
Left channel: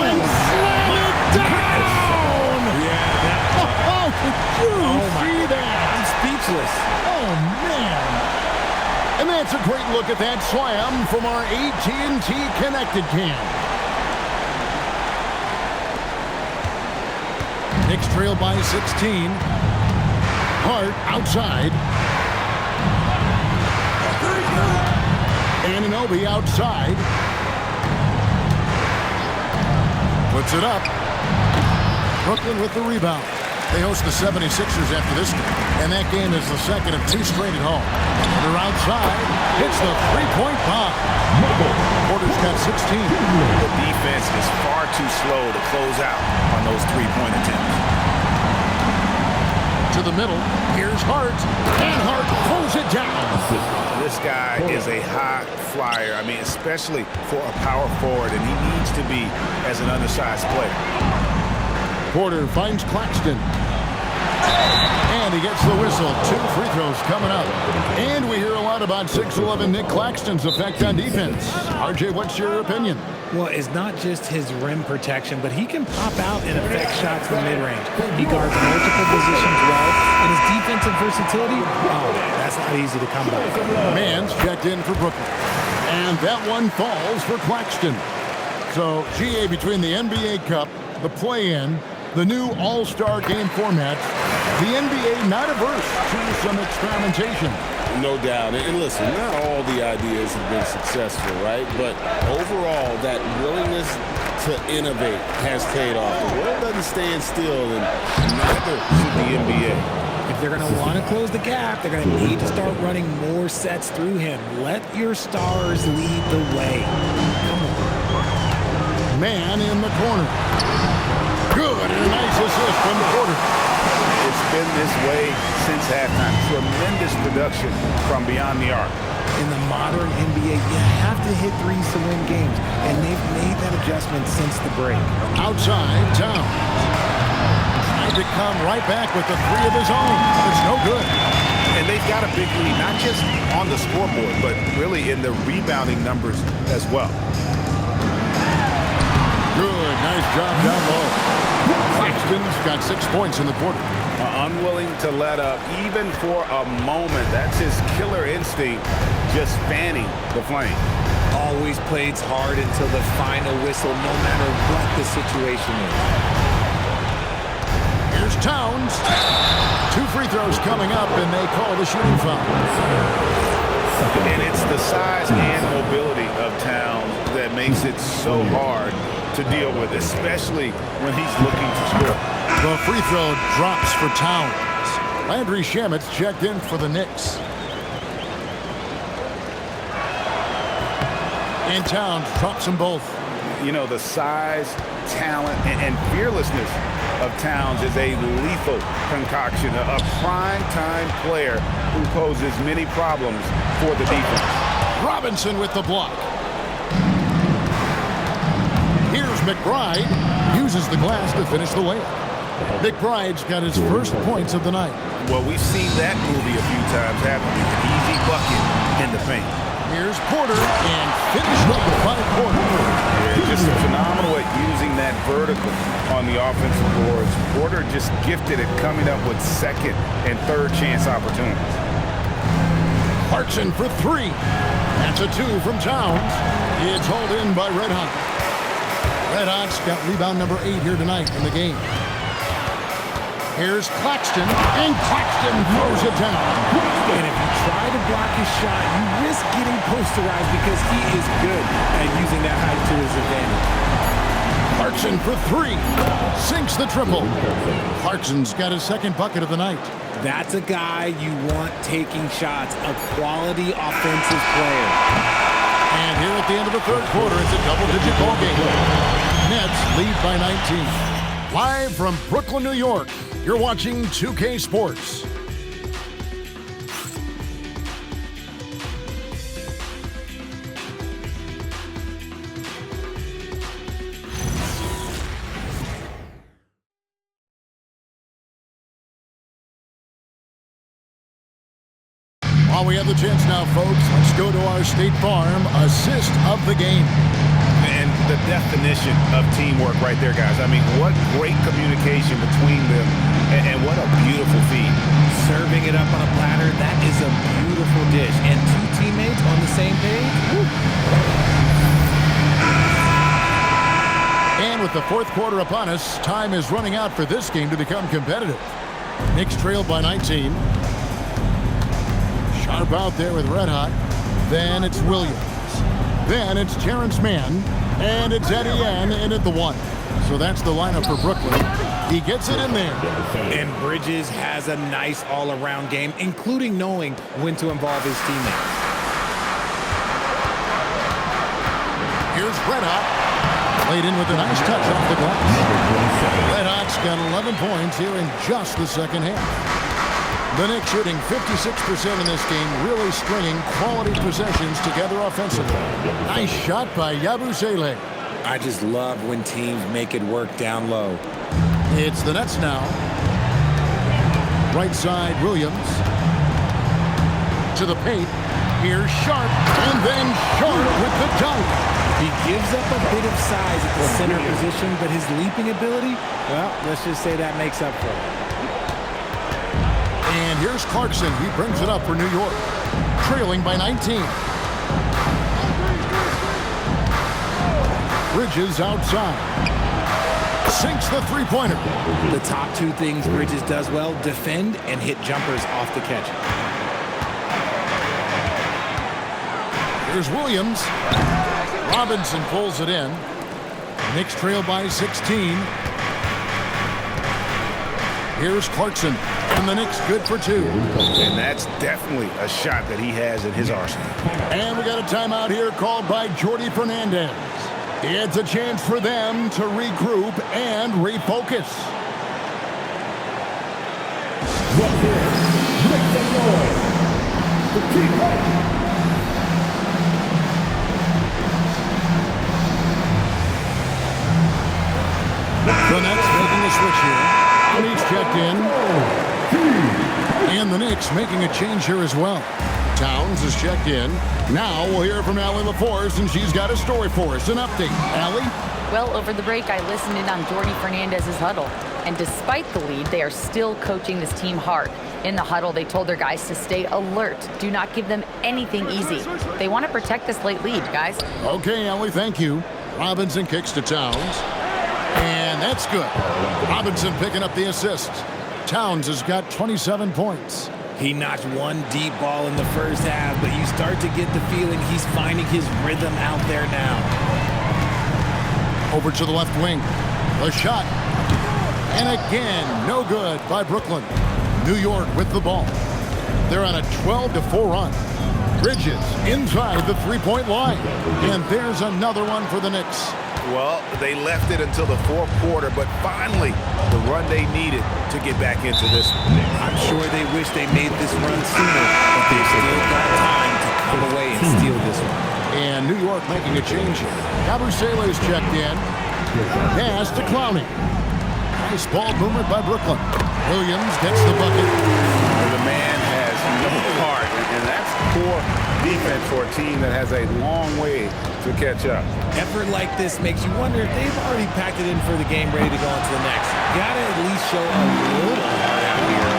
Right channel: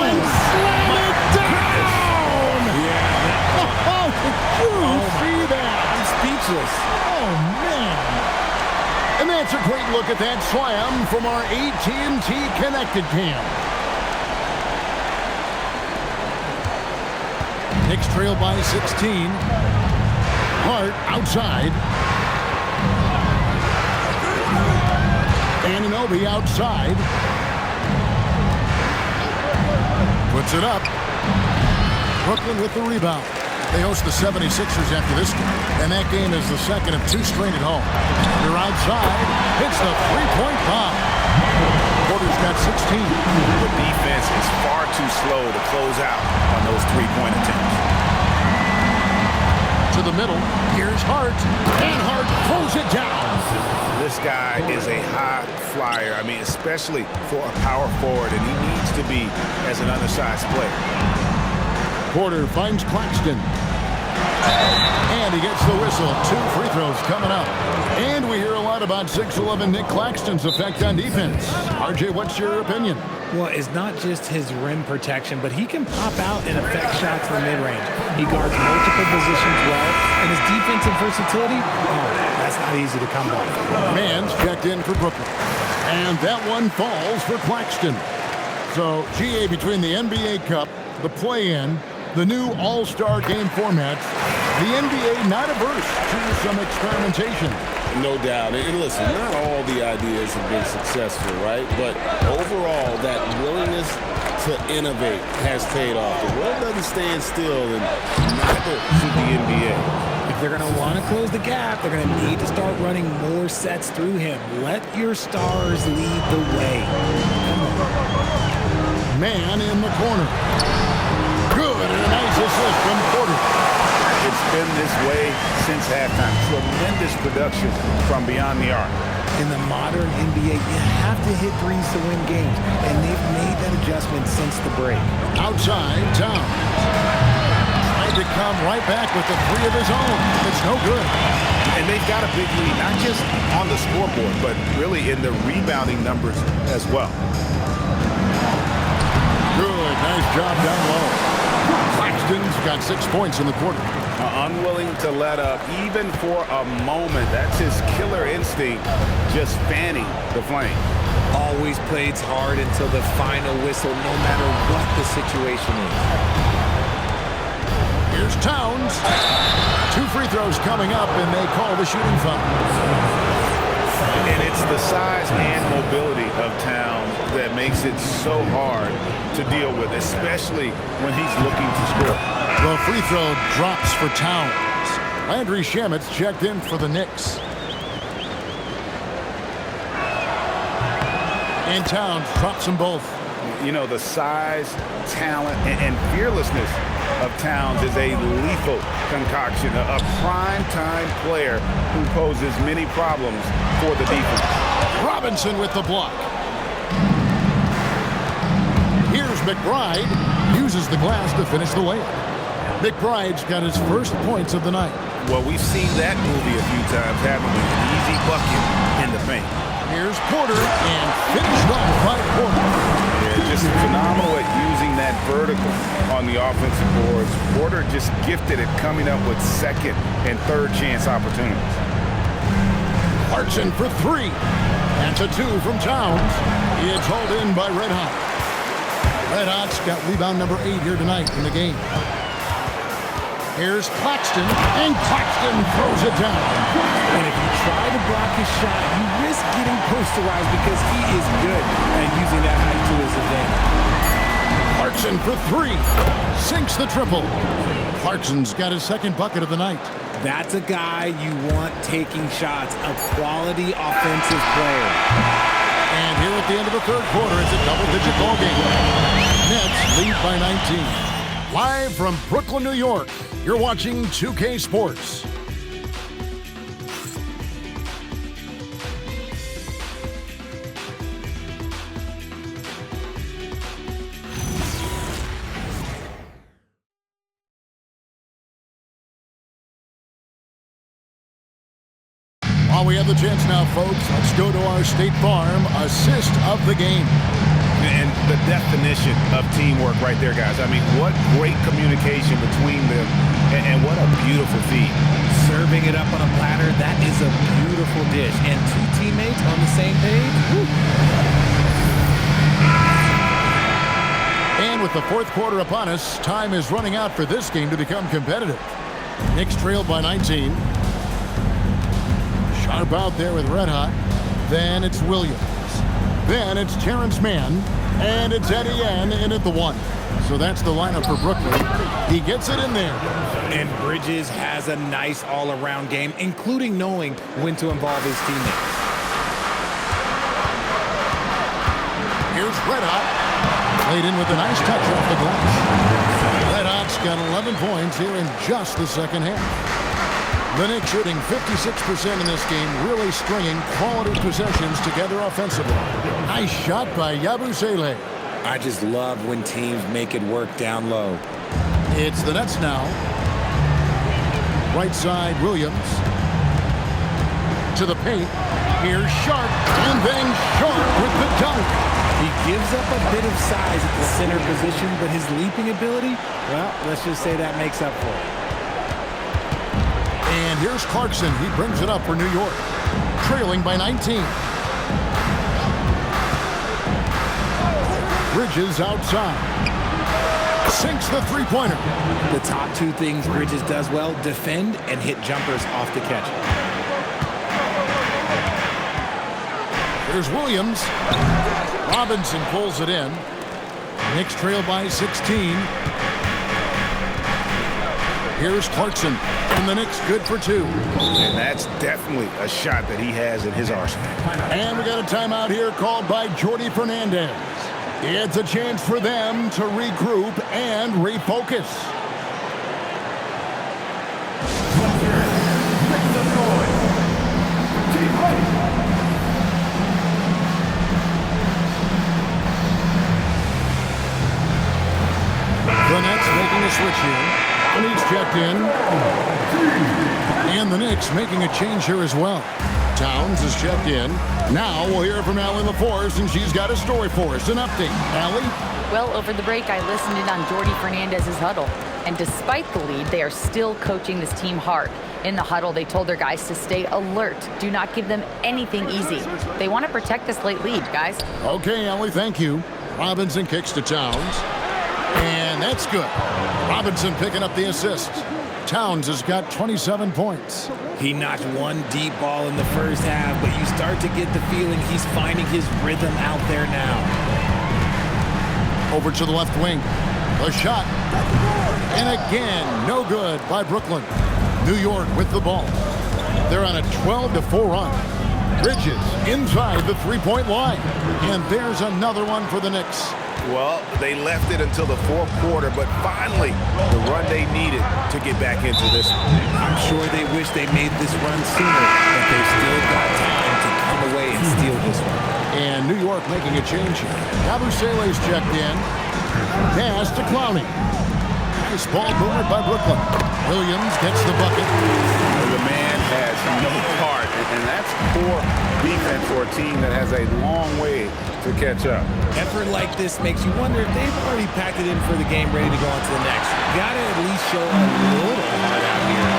and slam it down! Yeah, that... Oh, did you see that? I'm speechless. Oh, man. And that's a great look at that slam from our AT&T Connected Cam. Knicks trail by 16. Hart outside. Anunoby outside. Puts it up. Brooklyn with the rebound. They host the 76ers after this game, and that game is the second of 2 straight at home. They're outside. Hits the three-point bomb. Porter's got 16. The defense is far too slow to close out on those three-point attempts. To the middle. Here's Hart. And Hart throws it down. This guy is a high flyer. I mean, especially for a power forward, and he needs to be as an undersized player. Porter finds Claxton. And he gets the whistle. 2 free throws coming up. And we hear a lot about 6'11" Nick Claxton's effect on defense. RJ, what's your opinion? Well, it's not just his rim protection, but he can pop out and affect shots from mid-range. He guards multiple positions well, and his defensive versatility, that's not easy to come by. Mann's checked in for Brooklyn. And that one falls for Claxton. So, GA, between the NBA Cup, the play-in, the new All-Star game formats, the NBA not averse to some experimentation. No doubt. And listen, not all the ideas have been successful, right? But overall, that willingness to innovate has paid off. The world doesn't stand still, and neither should the NBA. If they're going to want to close the gap, they're going to need to start running more sets through him. Let your stars lead the way. Come on. Mann in the corner. Good, and a nice assist from Porter. It's been this way since halftime. Tremendous production from beyond the arc. In the modern NBA, you have to hit threes to win games, and they've made that adjustment since the break. Outside, Towns. Tried to come right back with the 3 of his own. It's no good. And they've got a big lead, not just on the scoreboard, but really in the rebounding numbers as well. Good, nice job down low. Claxton's got 6 points in the quarter. Unwilling to let up even for a moment. That's his killer instinct, just fanning the flame. Always plays hard until the final whistle, no matter what the situation is. Here's Towns. 2 free throws coming up, and they call the shooting foul. And it's the size and mobility of Towns that makes it so hard to deal with, especially when he's looking to score. The free throw drops for Towns. Landry Shamit's checked in for the Knicks. And Towns drops them both. You know, the size, talent, and fearlessness of Towns is a lethal concoction, a prime-time player who poses many problems for the defense. Robinson with the block. Here's McBride. Uses the glass to finish the layup. McBride's got his first points of the night. Well, we've seen that movie a few times, haven't we? An easy bucket in the paint. Here's Porter, and finished off by Porter. Yeah, just phenomenal at using that vertical on the offensive boards. Porter just gifted at coming up with second and third chance opportunities. Clarkson for 3. That's a 2 from Towns. It's hauled in by Red Hot. Red Hot's got rebound number 8 here tonight in the game. Here's Claxton, and Claxton throws it down. And if you try to block his shot, you risk getting posterized because he is good at using that height to his advantage. Clarkson for 3. Sinks the triple. Clarkson's got his second bucket of the night. That's a guy you want taking shots, a quality offensive player. And here at the end of the third quarter, it's a double-digit ball game. Nets lead by 19. Live from Brooklyn, New York, you're watching 2K Sports. Well, we have the chance now, folks. Let's go to our State Farm assist of the game. And the definition of teamwork right there, guys. I mean, what great communication between them, and what a beautiful feed. Serving it up on a platter, that is a beautiful dish. And two teammates on the same page. Woo. And with the fourth quarter upon us, time is running out for this game to become competitive. Knicks trailed by 19. Sharp out there with Red Hot. Then it's Williams. Then it's Terrence Mann. And it's Etienne in at the 1. So that's the lineup for Brooklyn. He gets it in there. And Bridges has a nice all-around game, including knowing when to involve his teammates. Here's Red Hot. Laid in with a nice touch off the glass. Red Hot's got 11 points here in just the second half. The Knicks shooting 56% in this game, really stringing quality possessions together offensively. Nice shot by Yabusele. I just love when teams make it work down low. It's the Nets now. Right side, Williams. To the paint. Here's Sharp. And then Sharp with the dunk. He gives up a bit of size at the center position, but his leaping ability, well, let's just say that makes up for it. And here's Clarkson. He brings it up for New York. Trailing by 19. Bridges outside. Sinks the three-pointer. The top two things Bridges does well, defend and hit jumpers off the catch. Here's Williams. Robinson pulls it in. Knicks trail by 16. Here's Clarkson. And the Knicks good for 2. And that's definitely a shot that he has in his arsenal. And we got a timeout here called by Jordi Fernandez. It's a chance for them to regroup and refocus. The Nets making a switch here. He's checked in. And the Knicks making a change here as well. Towns is checked in. Now we'll hear from Allie LaForce, and she's got a story for us. An update. Allie? Well, over the break, I listened in on Jordi Fernandez's huddle. And despite the lead, they are still coaching this team hard. In the huddle, they told their guys to stay alert. Do not give them anything easy. They want to protect this late lead, guys. Okay, Allie, thank you. Robinson kicks to Towns. And that's good. Robinson picking up the assist. Towns has got 27 points. He notched one deep ball in the first half, but you start to get the feeling he's finding his rhythm out there now. Over to the left wing. The shot. And again, no good by Brooklyn. New York with the ball. They're on a 12-4 run. Bridges inside the three-point line. And there's another one for the Knicks. Well, they left it until the fourth quarter, but finally the run they needed to get back into this one. I'm sure they wish they made this run sooner, but they've still got time to come away and steal this one. And New York making a change here. Yabusele's checked in. Pass to Clowney. Nice ball movement by Brooklyn. Williams gets the bucket. The man has no heart, and that's poor defense for a team that has a long way to catch up. Effort like this makes you wonder if they've already packed it in for the game, ready to go on to the next. Gotta at least show a little heart out here.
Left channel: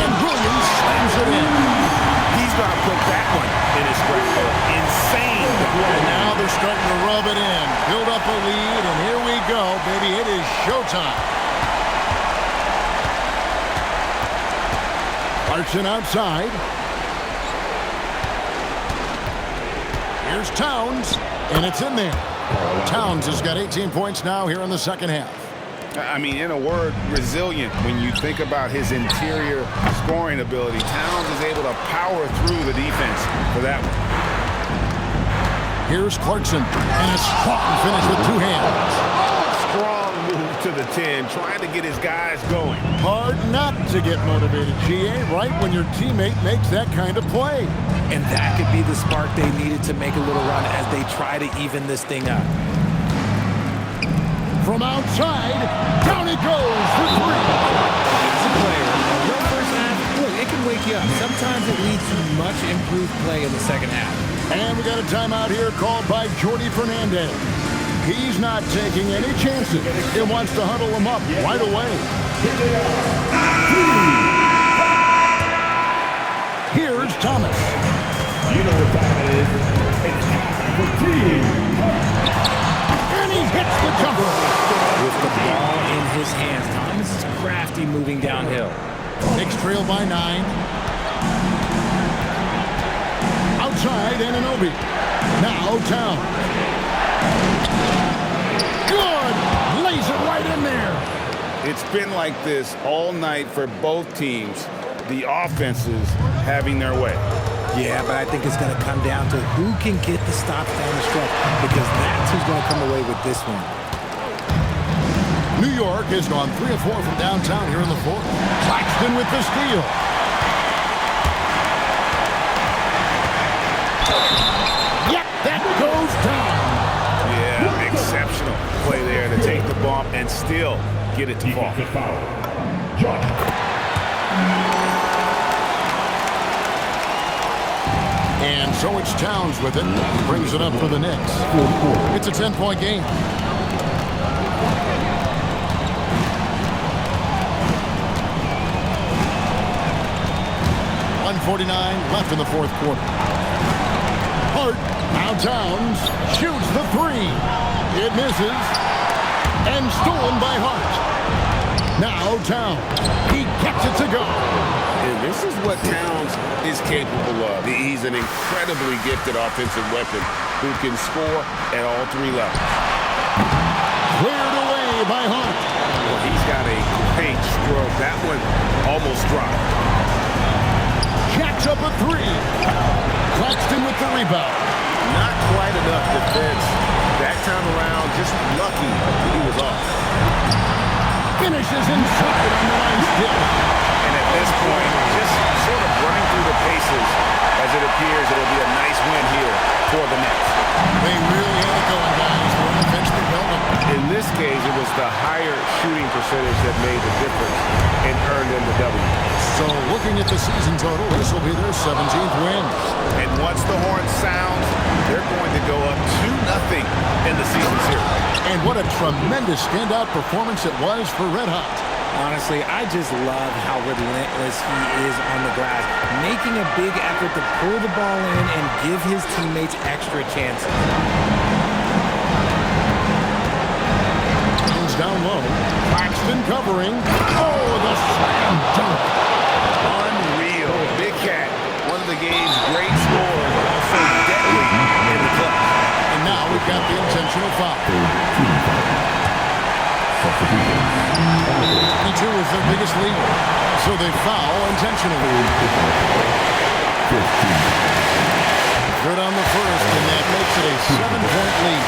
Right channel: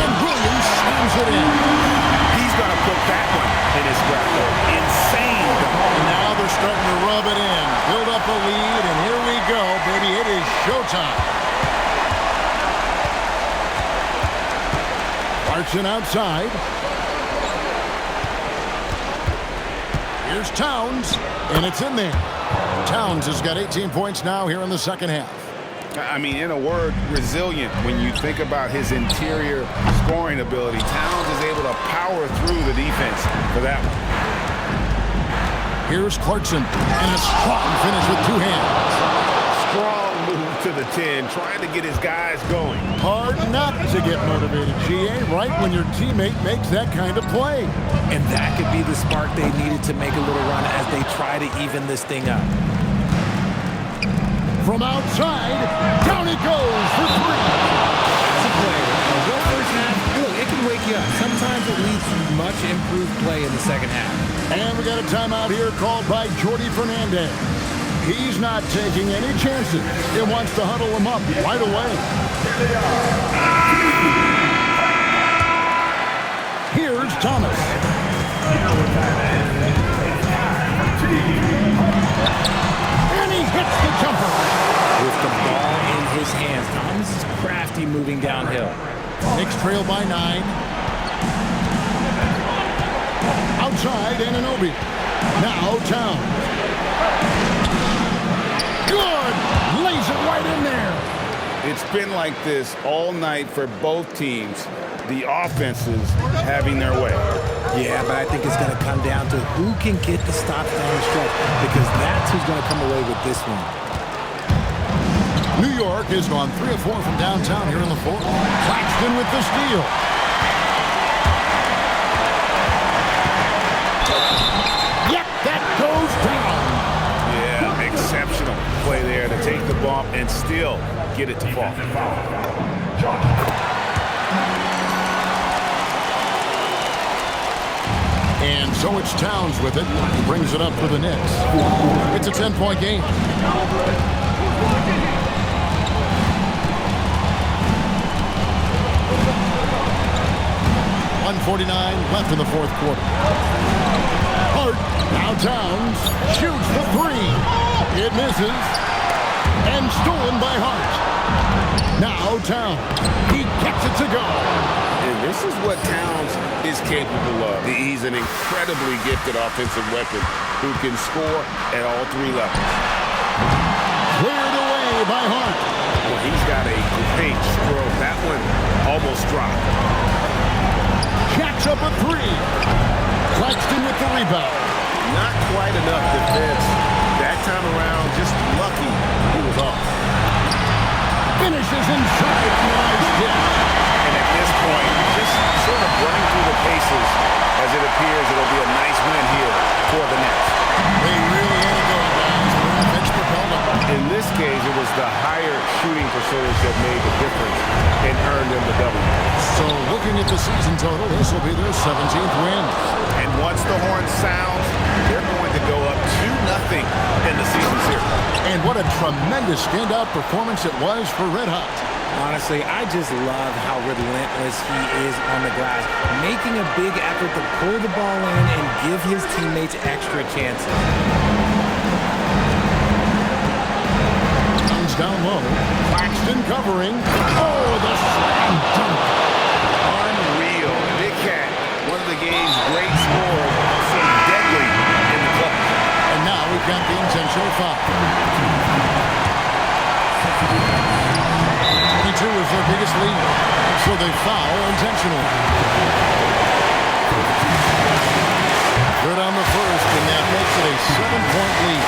And Williams slams it in. He's going to put that one in his scrapbook. Insane dunk. And now they're starting to rub it in. Build up a lead, and here we go, baby. It is showtime. Clarkson outside. Here's Towns, and it's in there. Towns has got 18 points now here in the second half. I mean, in a word, resilient. When you think about his interior scoring ability, Towns is able to power through the defense for that one. Here's Clarkson, and a strong finish with two hands. Strong move to the 10, trying to get his guys going. Hard not to get motivated, GA, right when your teammate makes that kind of play. And that could be the spark they needed to make a little run as they try to even this thing up. From outside, down he goes for three. As a player, a rough first half, look, it can can wake you up. Sometimes it leads to much improved play in the second half. And we got a timeout here called by Jordy Fernandez. He's not taking any chances. He wants to huddle them up right away. Here's Thomas. And he hits the jumper. With the ball in his hands, Thomas is crafty moving downhill. Knicks trail by 9. Outside, Anunoby. Now Towns. Good! Lays it right in there. It's been like this all night for both teams. The offenses having their way. Yeah, but I think it's going to come down to who can get the stops down the stretch, because that's who's going to come away with this one. New York has gone 3 of 4 from downtown here in the fourth. Claxton with the steal. Yep, that goes down. Yeah, exceptional play there to take the bump and still get it to fall. And so it's Towns with it. He brings it up for the Knicks. It's a 10-point game. .149 left in the fourth quarter. Hart, now Towns, shoots the 3. It misses. And stolen by Hart. Now Towns. He gets it to go. And this is what Towns is capable of. He's an incredibly gifted offensive weapon who can score at all 3 levels. Cleared away by Hart. Well, he's got a great stroke. That one almost dropped. Jacks up a 3. Claxton with the rebound. Not quite enough defense. That time around, just lucky he was off. Finishes inside on the nice dish. And at this point, just sort of running through the paces as it appears it'll be a nice win here for the Nets. They really had it going, guys. Their offense propelled them. In this case, it was the higher shooting percentage that made the difference and earned them the W. So looking at the season total, this will be their 17th win. And once the horn sounds, they're going to go up 2-0 in the season series. And what a tremendous standout performance it was for Red Hot. Honestly, I just love how relentless he is on the glass, making a big effort to pull the ball in and give his teammates extra chances. Towns down low. Claxton covering. Oh, the slam dunk. Unreal. Big Cat, one of the game's great scorers, also deadly in the clutch. And now we've got the intentional foul. 22 is their biggest lead, so they foul intentionally. Good on the first, and that makes it a 7-point lead.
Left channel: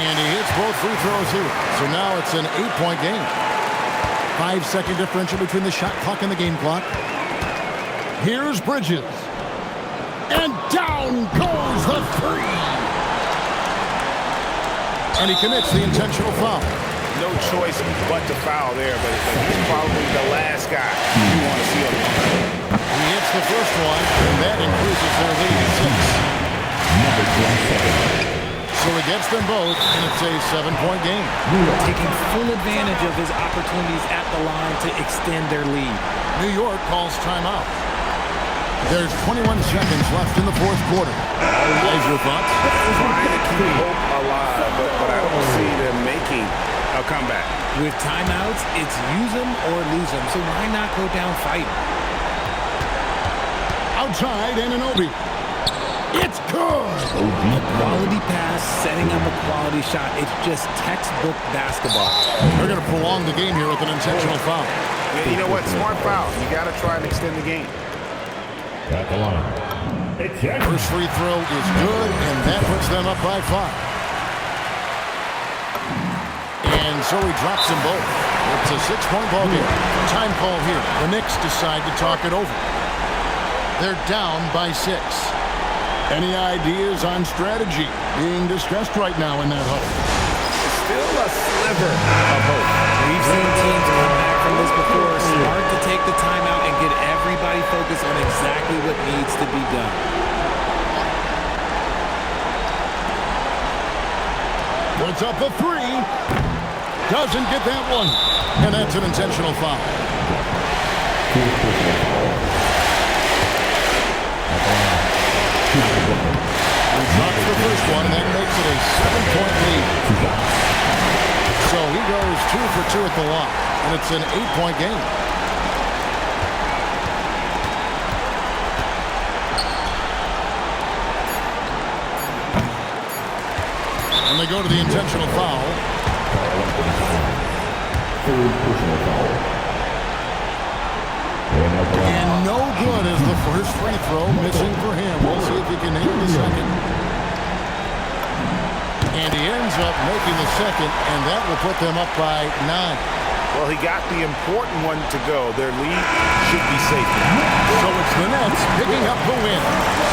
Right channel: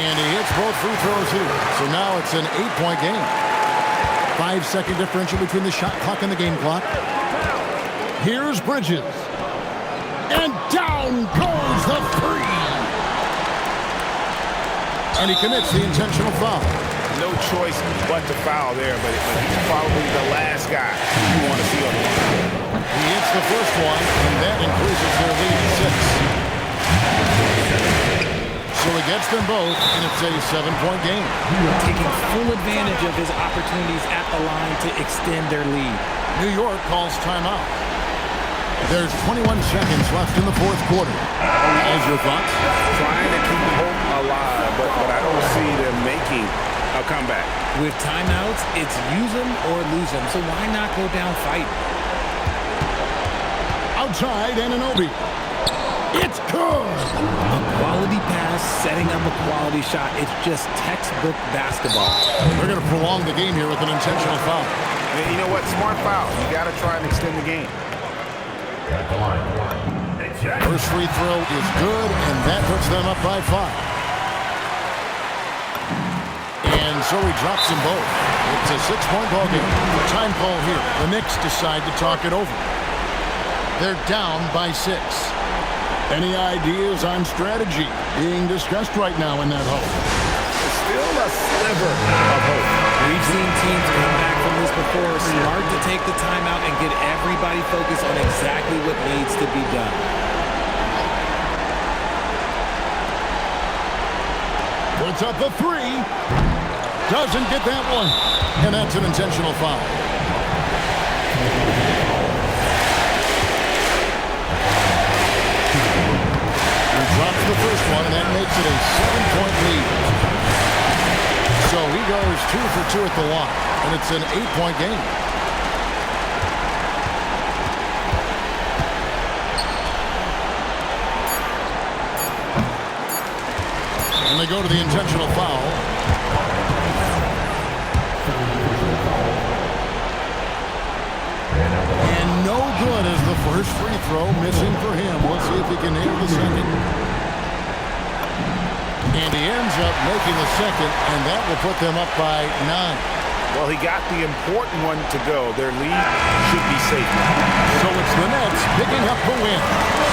And he hits both free throws here, so now it's an 8-point game. 5-second differential between the shot clock and the game clock. Here's Bridges. And down goes the 3. And he commits the intentional foul. No choice but to foul there, but he's probably the last guy you want to see on the line. He hits the first one, and that increases their lead to 6. So he gets them both, and it's a 7-point game. Taking full advantage of his opportunities at the line to extend their lead. New York calls timeout. There's 21 seconds left in the fourth quarter. Guys, your thoughts? Trying to keep hope alive, but I don't see them making a comeback. With timeouts, it's use them or lose them, so why not go down fighting? Outside, Anunoby. It's good! A quality pass, setting up a quality shot. It's just textbook basketball. They're going to prolong the game here with an intentional foul. Yeah, you know what? Smart foul. You got to try and extend the game. At the line. First free throw is good, and that puts them up by 5. And so he drops them both. It's a 6-point ball game. Time call here. The Knicks decide to talk it over. They're down by 6. Any ideas on strategy being discussed right now in that huddle? It's still a sliver of hope. We've seen teams come back from this before. Smart to take the timeout and get everybody focused on exactly what needs to be done. Puts up a three. Doesn't get that one. And that's an intentional foul. He drops the first one, and that makes it a 7-point lead. So he goes 2 for 2 at the line, and it's an 8-point game. And they go to the intentional foul. And no good as the first free throw, missing for him. We'll see if he can nail the second. And he ends up making the second, and that will put them up by 9. Well, he got the important one to go. Their lead should be safe now. So it's the Nets picking up the win.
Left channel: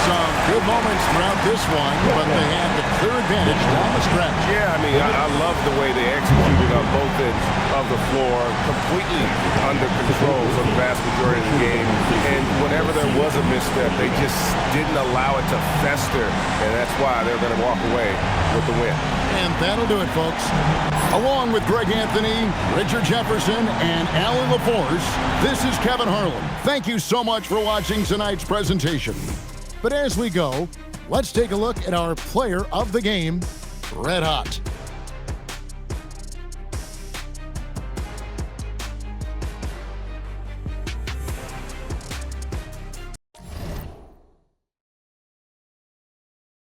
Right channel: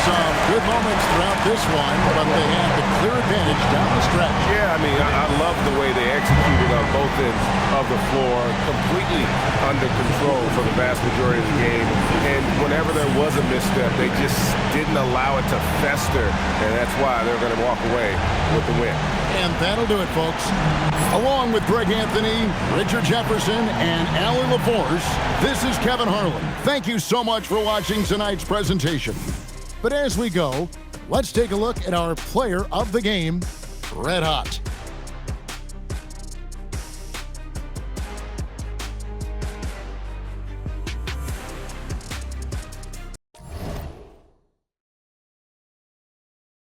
Some good moments throughout this one, but they had the clear advantage down the stretch. Yeah, I mean, I love the way they executed on both ends of the floor, completely under control for the vast majority of the game. And whenever there was a misstep, they just didn't allow it to fester, and that's why they're going to walk away with the win. And that'll do it, folks. Along with Greg Anthony, Richard Jefferson, and Allie LaForce, this is Kevin Harlan. Thank you so much for watching tonight's presentation. But as we go, let's take a look at our player of the game, Red Hot.